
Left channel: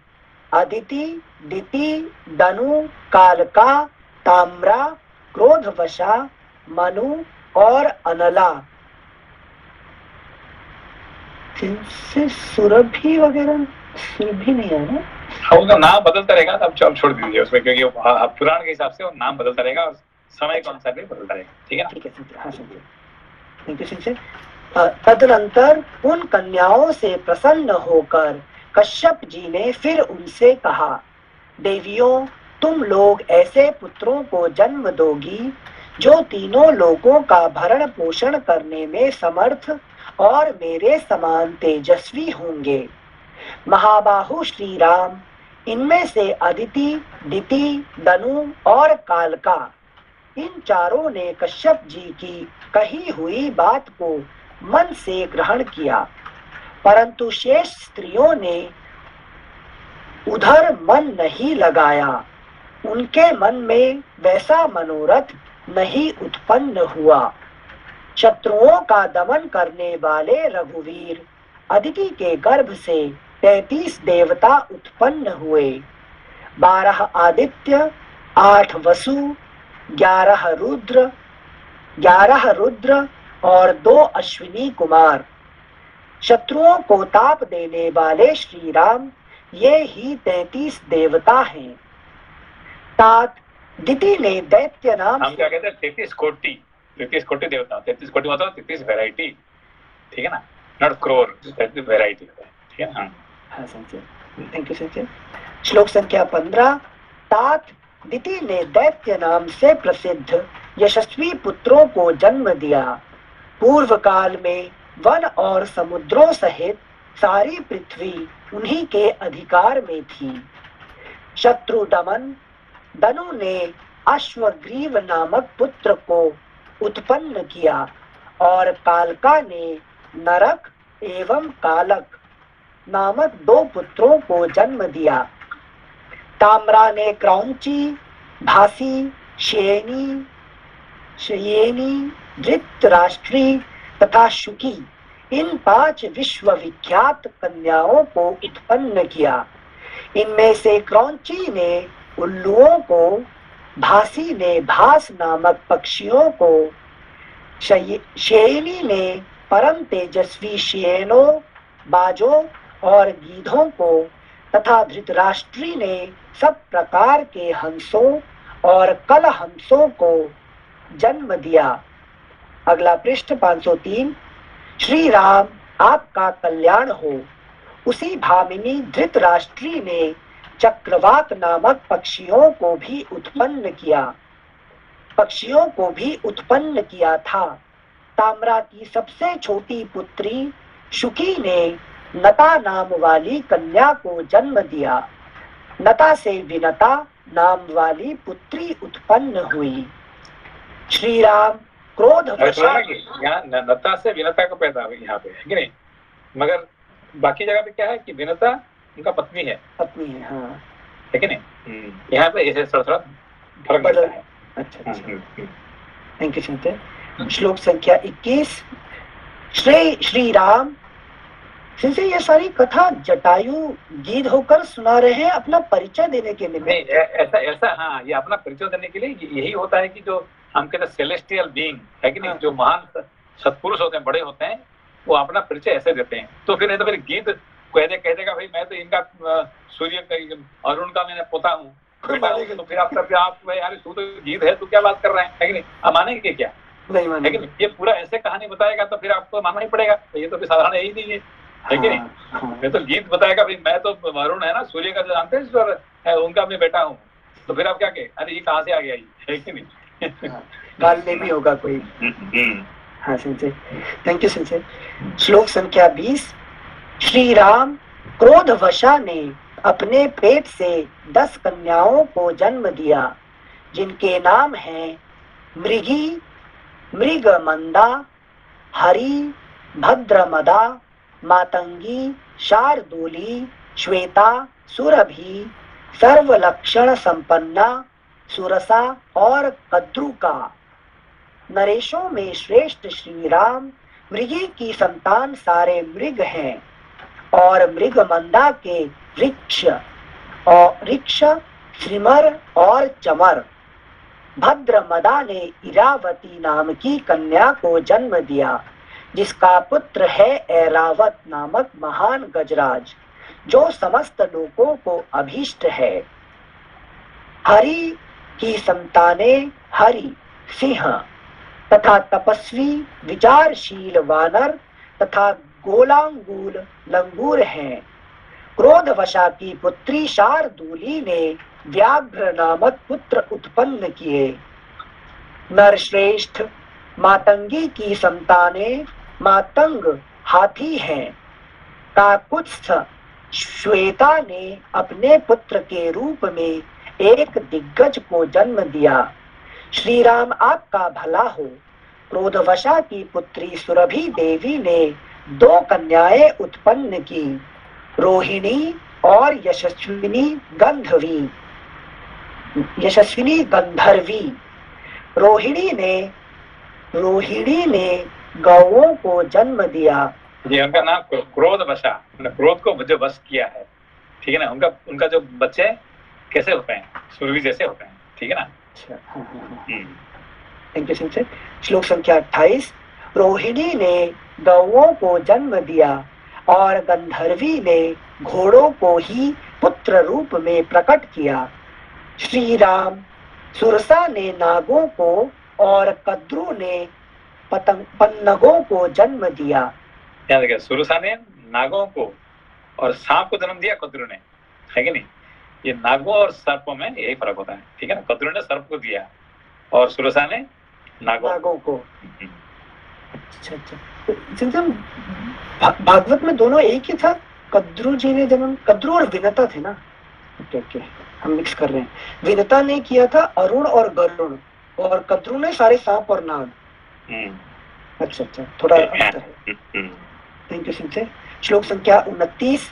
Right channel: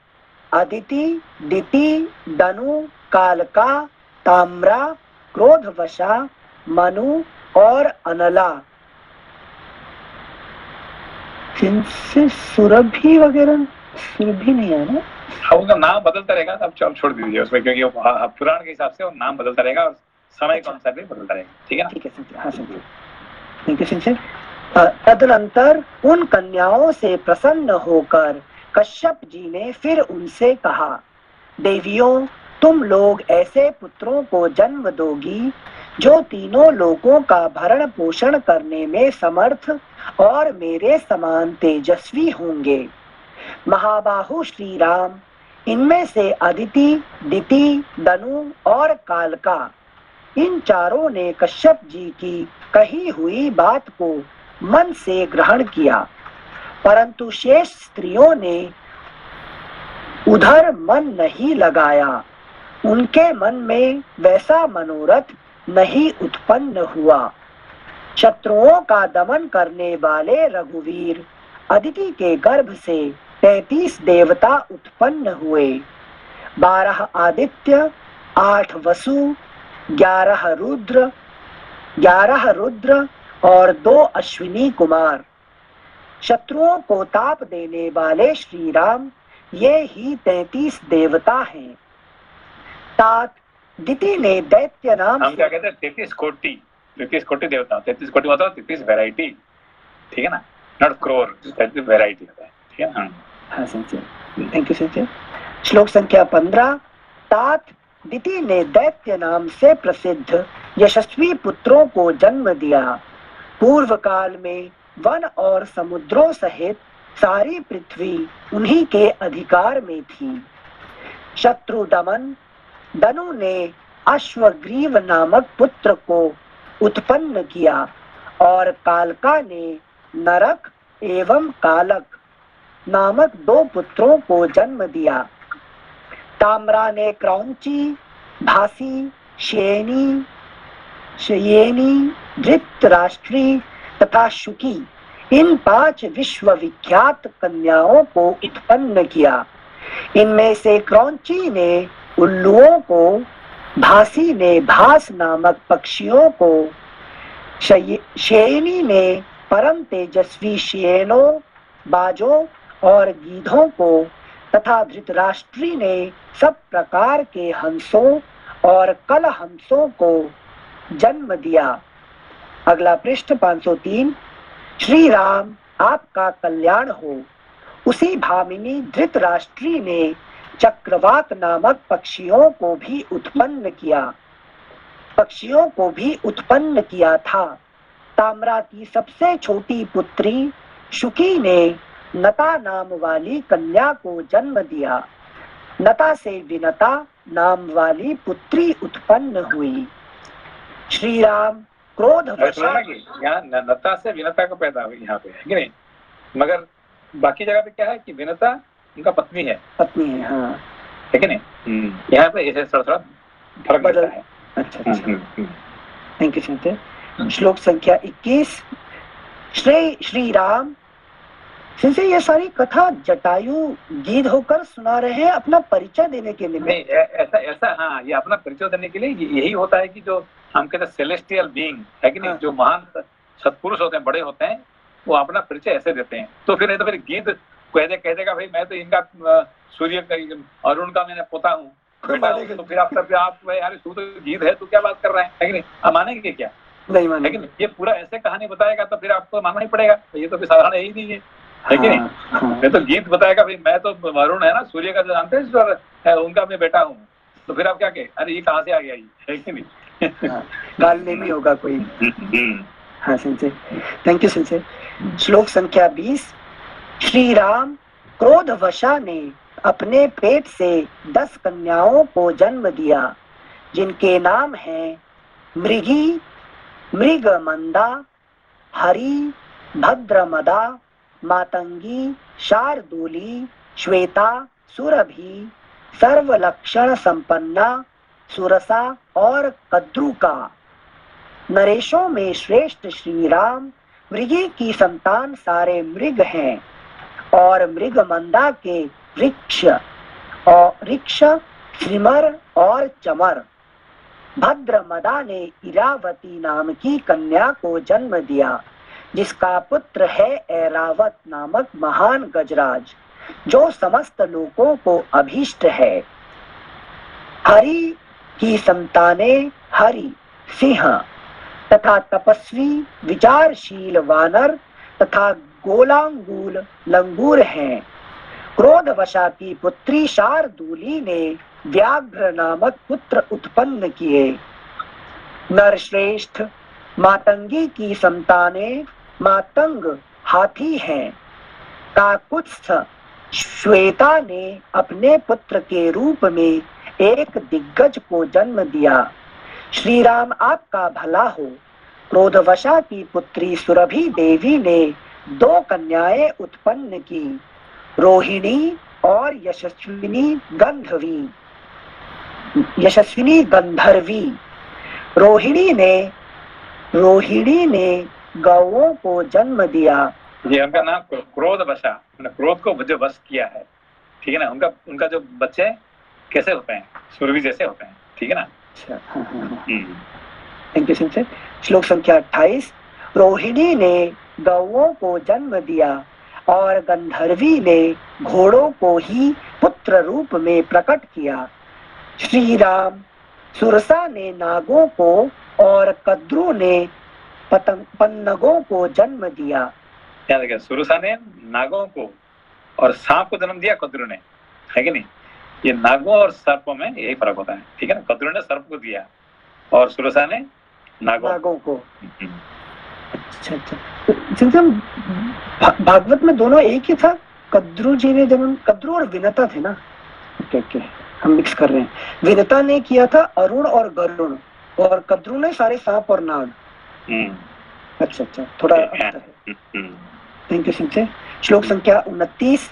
अदिति, दिति, दनु, कालका, ताम्रा, क्रोधवशा, मनु और अनला। जिनसे सुरभि वगैरह, सुरभि नहीं है ना? उनका नाम बदलता रहेगा, अब छोड़ दीजिए उसमें, क्योंकि पुराण के हिसाब से वो नाम बदलता रहेगा और समय के अनुसार भी बदलता रहेगा, ठीक है ना? ठीक है संजय, हाँ संजय, ठीक है संजय। तदनंतर उन कन्याओं से प्रसन्न होकर कश्यप जी ने फिर उनसे कहा, देवियों, तुम लोग ऐसे पुत्रों को जन्म दोगी जो तीनों लोगों का भरण पोषण करने में समर्थ और मेरे समान तेजस्वी होंगे। महाबाहु श्री राम इनमें से अदिति, दिति, दनु और कालका, इन चारों ने कश्यप जी की कही हुई बात को मन से ग्रहण किया, परंतु शेष स्त्रियों ने उधर मन नहीं लगाया। उनके मन में वैसा मनोरथ नहीं उत्पन्न हुआ। शत्रुओं का दमन करने वाले रघुवीर अदिति के गर्भ से 33 देवता उत्पन्न हुए। 12 आदित्य, 8 वसु, 11 रुद्र और 2 अश्विनी कुमार। शत्रुओं को ताप देने वाले श्री राम ये ही 33 देवता हैं। तात दिति ने दैत्य नाम, हम क्या कहते हैं 33 कोटि देवता, 33 कोटि मतलब 33 वैरायटी, ठीक है ना? नॉट क्रोर, 33 वैरायटी, ठीक है ना? हाँ संजय, थैंक यू संजय। श्लोक संख्या 15। तात दिति ने दैत्य नाम से प्रसिद्ध यशस्वी पुत्रों को जन्म दिया। पूर्व काल में वन और समुद्रों सहित सारी पृथ्वी उन्हीं के अधिकार में थी। शत्रु दमन दनु ने अश्वग्रीव नामक पुत्र को उत्पन्न किया और कालका ने नरक एवं कालक नामक 2 पुत्रों को जन्म दिया। ताम्रा ने क्रौंची, भासी, शयेनी, धृतराष्ट्री तथा शुकी, इन 5 विश्वविख्यात कन्याओं को उत्पन्न किया। इनमें से क्रौंची ने उल्लुओं को, भासी ने भास नामक पक्षियों को, शयेनी ने परम तेजस्वी शेनों, बाजों और गीधों को तथा धृतराष्ट्री ने सब प्रकार के हंसों और कल हंसों को जन्म दिया। अगला पृष्ठ 503। श्री राम आपका कल्याण हो। उसी भामिनी धृतराष्ट्री ने चक्रवात नामक पक्षियों को भी उत्पन्न किया था। ताम्रा की सबसे छोटी पुत्री शुकी ने नता नाम वाली कन्या को जन्म दिया। नता से विनता नाम वाली पुत्री उत्पन्न हुई। श्री राम क्रोध यहाँ नता से विनता को पैदा हुई, यहाँ पे है कि नहीं? मगर बाकी जगह पे क्या है कि विनता उनका पत्नी है, हाँ, है कि नहीं? यहाँ पे ऐसे थोड़ा फर्क पड़ता है। अच्छा, थैंक यू संजय। श्लोक संख्या 21। श्री राम सिंसे ये सारी कथा जटायु गीत होकर सुना रहे हैं अपना परिचय देने के लिए? नहीं, ऐसा हाँ, ये अपना परिचय देने के लिए यही होता है कि जो हम कहते हैं सेलेस्टियल बीइंग है कि नहीं, जो महान सत्पुरुष होते हैं, बड़े होते हैं, वो अपना परिचय ऐसे देते हैं। तो फिर नहीं तो फिर गीत कह देगा भाई मैं तो इनका सूर्य का अरुण का मैंने पोता हूँ, तो फिर आप यार तू तो गीत है, तू क्या बात कर रहा है कि नहीं? आप मानेंगे क्या? नहीं मानेंगे। लेकिन ये पूरा ऐसे कहानी बताएगा तो फिर आपको मानना ही पड़ेगा, तो ये तो साधारण यही नहीं है कि नहीं? मैं तो गीत बताएगा भाई मैं तो अरुण है ना, सूर्य का जो जानते हैं, उनका मैं बेटा हूँ, तो फिर आप क्या कहें, अरे ये कहाँ से आ गया, ये है कि नहीं? हाँ, गालने में होगा कोई। हाँ सिंचे, थैंक यू सिंचे। श्लोक संख्या 20। श्री राम क्रोधवशा ने अपने पेट से 10 कन्याओं को जन्म दिया, जिनके नाम हैं मृगी, मृगमंदा, हरि, भद्रमदा, मातंगी, शार्दूली, श्वेता, सुरभि, सर्वलक्षण संपन्ना, सुरसा और कद्रुका। नरेशों में श्रेष्ठ श्री राम मृगी की संतान सारे मृग हैं और मृगमंदा के ऋक्ष, श्रीमर और चमर। भद्रमदा ने इरावती नाम की कन्या को जन्म दिया, जिसका पुत्र है ऐरावत नामक महान गजराज, जो समस्त लोगों को अभीष्ट है। हरि की संतानें हरि, सिंह तथा तपस्वी विचारशील वानर तथा गोलांगूल लंगूर हैं। क्रोधवशा की पुत्री शार्दूली ने व्याघ्र नामक पुत्र उत्पन्न किए। नरश्रेष्ठ मातंगी की संतानें मातंग हाथी हैं। काकुत्स्थ श्वेता ने अपने पुत्र के रूप में एक दिग्गज को जन्म दिया। श्री राम आपका भला हो। क्रोधवशा की पुत्री सुरभि देवी ने 2 कन्याएं उत्पन्न की, रोहिणी और यशस्विनी गंधर्वी। रोहिणी ने गौओं को जन्म दिया। ये उनका नाम क्रोधवशा, क्रोध को जो वश किया है, ठीक है ना। उनका जो बच्चे कैसे होते हैं, सुरभि जैसे होते हैं, ठीक है ना। Thank you sensei. श्लोक संख्या 28। रोहिणी ने गौओं को जन्म दिया और गंधर्वी ने घोड़ों को ही पुत्र रूप में प्रकट किया। श्री राम सुरसा ने नागों को और कद्रु ने पन्नगों को जन्म दिया। क्या देखिए, सुरसा ने नागों को और सांप को जन्म दिया, कद्रु ने, है कि नहीं। ये नागों और सर्पों में यही फर्क होता है, ठीक है ना। कद्रु ने सर्प को दिया और सुरसा ने नागों को। अच्छा। भागवत में दोनों एक ही था। कद्रु जी ने जन्म, कद्रु और विनता थे ना। ओके, हम मिक्स कर रहे हैं। विनता ने किया था अरुण और गरुण, और कद्रु ने सारे सांप और नाग। अच्छा, थोड़ा अंतर है। Thank you sensei. श्लोक संख्या 29।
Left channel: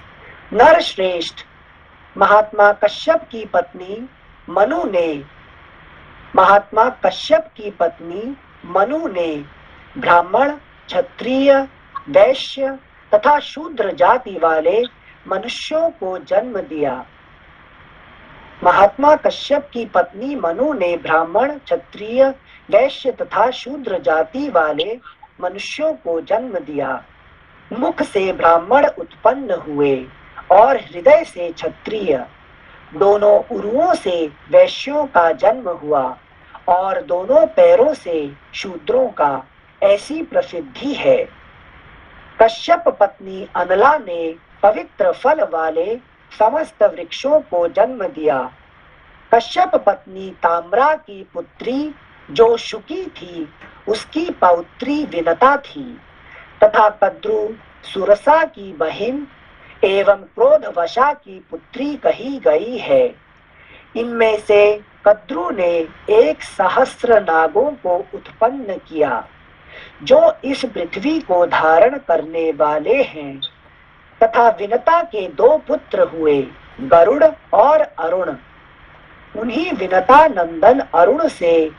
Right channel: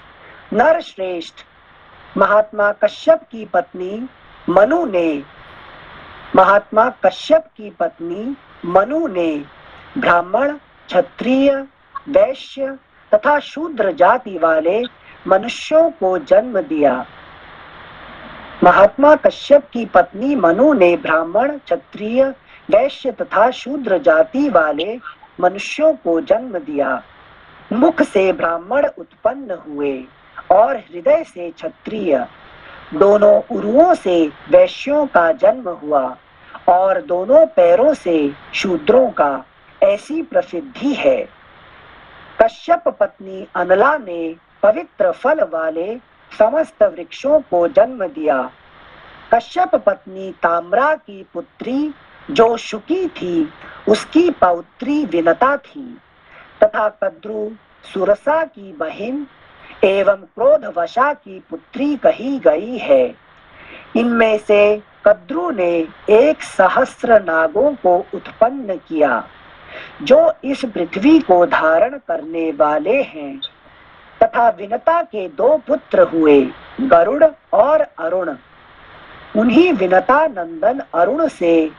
नर श्रेष्ठ महात्मा कश्यप की पत्नी मनु ने ब्राह्मण, क्षत्रिय, वैश्य तथा शूद्र जाति वाले मनुष्यों को जन्म दिया। महात्मा कश्यप की पत्नी मनु ने ब्राह्मण, क्षत्रिय, वैश्य तथा शूद्र जाति वाले मनुष्यों को जन्म दिया। मुख से ब्राह्मण उत्पन्न हुए और हृदय से क्षत्रिय। दोनों उरुओं से वैश्यों का जन्म हुआ और दोनों पैरों से शूद्रों का, ऐसी प्रसिद्धि है। कश्यप पत्नी अनला ने पवित्र फल वाले समस्त वृक्षों को जन्म दिया। कश्यप पत्नी ताम्रा की पुत्री जो शुकी थी, उसकी पौत्री विनता थी, तथा कद्रु सुरसा की बहन एवं क्रोधवशा की पुत्री कही गई है। इनमें से कद्रु ने 1,000 नागों को उत्पन्न किया, जो इस पृथ्वी को धारण करने वाले हैं, तथा विनता के 2 पुत्र हुए, गरुड़ और अरुण। उन्हीं विनता नंदन अरुण से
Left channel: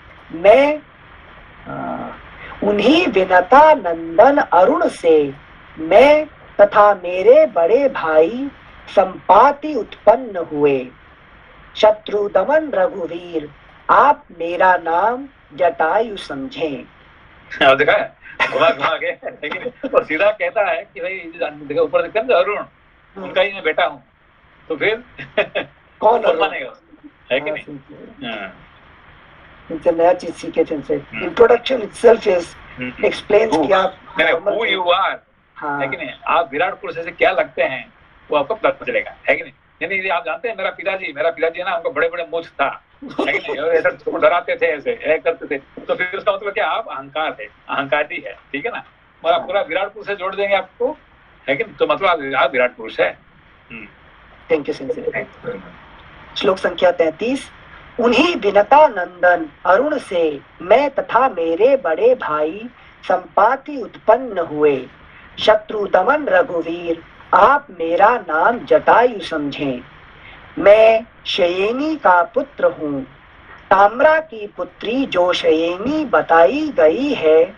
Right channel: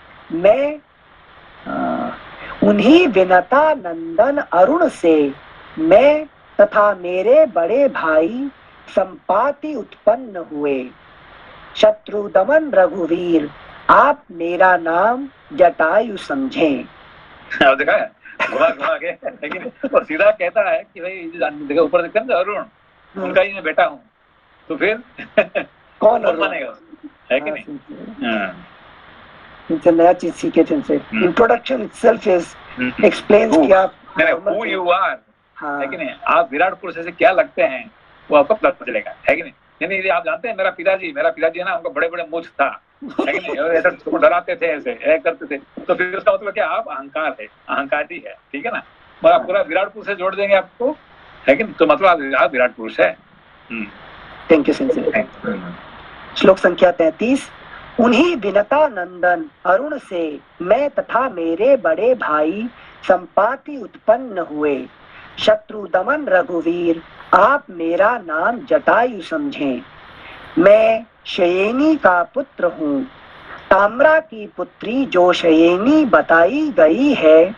मैं तथा मेरे बड़े भाई संपाति उत्पन्न हुए। शत्रु दमन रघुवीर, आप मेरा नाम जटायु समझें। देखा है, घुमा के, लेकिन और सीधा कहता है कि भाई ऊपर देखते हैं अरुण, उनका ही मैं बेटा हूँ, तो फिर कौन मानेगा, है कि नहीं। नया चीज सीखे थे। इंट्रोडक्शन इटसेल्फ इज एक्सप्लेन्स कि आप who you are, है कि नहीं। आप विराट पुरुष से क्या लगते हैं वो आपको पता चलेगा, है कि नहीं। यानी आप जानते हैं मेरा पिताजी है ना, उनका बड़े बड़े मूछ था, लेकिन और ऐसा उसको डराते थे, ऐसे करते थे, तो फिर उसका मतलब क्या, आप अहंकारी है, ठीक है ना। मगर आप पूरा विराट पुरुष से जोड़ देंगे आपको, लेकिन तो मतलब आप विराट पुरुष है। Thank you sincere. श्लोक संख्या 33। उन्हीं विनता नंदन अरुण से मैं तथा मेरे बड़े भाई संपाति उत्पन्न हुए। शत्रु दमन रघुवीर आप मेरा नाम जटायु समझें। मैं शयेनी का पुत्र हूँ, ताम्रा की पुत्री जो शयेनी बताई गई है,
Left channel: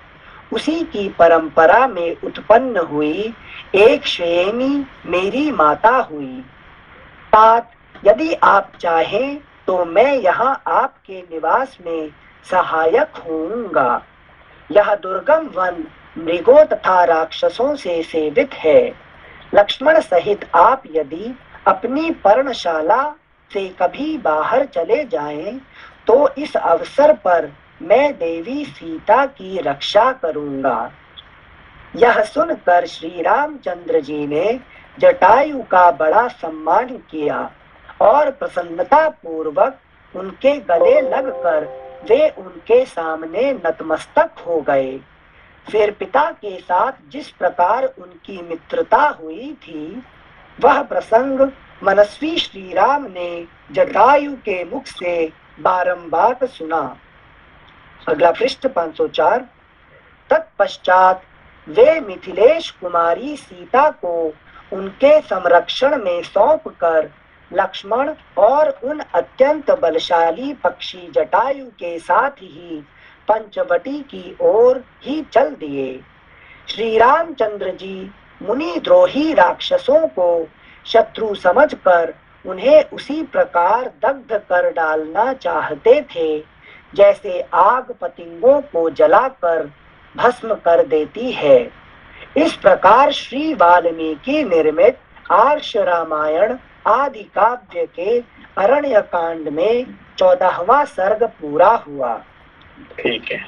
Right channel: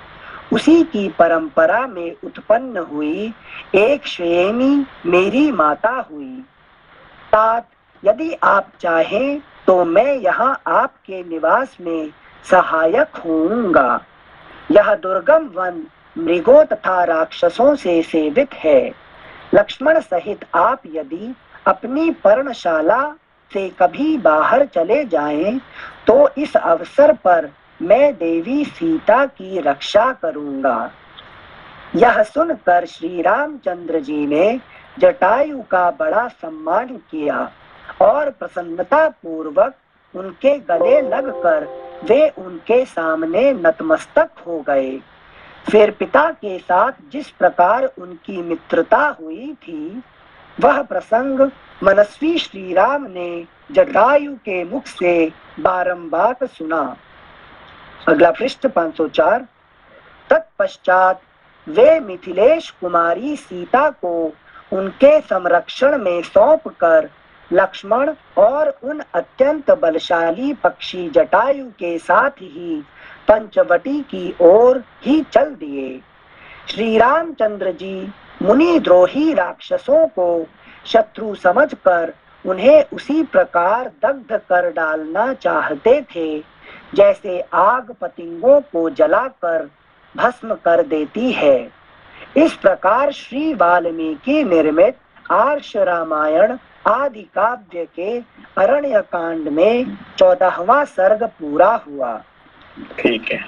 उसी की परंपरा में उत्पन्न हुई एक शयेनी मेरी माता हुई। तात यदि आप चाहें तो मैं यहाँ आपके निवास में सहायक होऊंगा। यह दुर्गम वन मृगों तथा राक्षसों से सेवित है। लक्ष्मण सहित आप यदि अपनी पर्णशाला से कभी बाहर चले जाएं, तो इस अवसर पर मैं देवी सीता की रक्षा करूंगा। यह सुनकर श्री रामचंद्र जी ने जटायु का बड़ा सम्मान किया और प्रसन्नता पूर्वक उनके गले लगकर वे उनके सामने नतमस्तक हो गए। फिर पिता के साथ जिस प्रकार उनकी मित्रता हुई थी, वह प्रसंग मनस्वी श्री राम ने जटायु के मुख से बारंबार सुना। अगला पृष्ठ 504। तत्पश्चात वे मिथिलेश कुमारी सीता को उनके संरक्षण में सौंपकर लक्ष्मण और उन अत्यंत बलशाली पक्षी जटायु के साथ ही पंचवटी की ओर ही चल दिए। श्री रामचंद्र जी मुनिद्रोही राक्षसों को शत्रु समझकर उन्हें उसी प्रकार दग्ध कर डालना चाहते थे, जैसे आग पतंगों को जलाकर भस्म कर देती है। इस प्रकार श्री वाल्मीकि निर्मित आर्ष रामायण आदि काव्य के अरण्य कांड में 14वां सर्ग पूरा हुआ। ठीक है,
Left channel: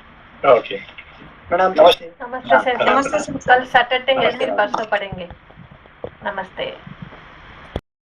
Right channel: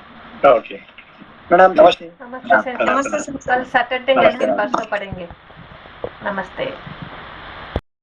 ओके। प्रणाम। नमस्ते। नमस्ते सर, कल सैटरडे है, फिर परसों पढ़ेंगे। नमस्ते।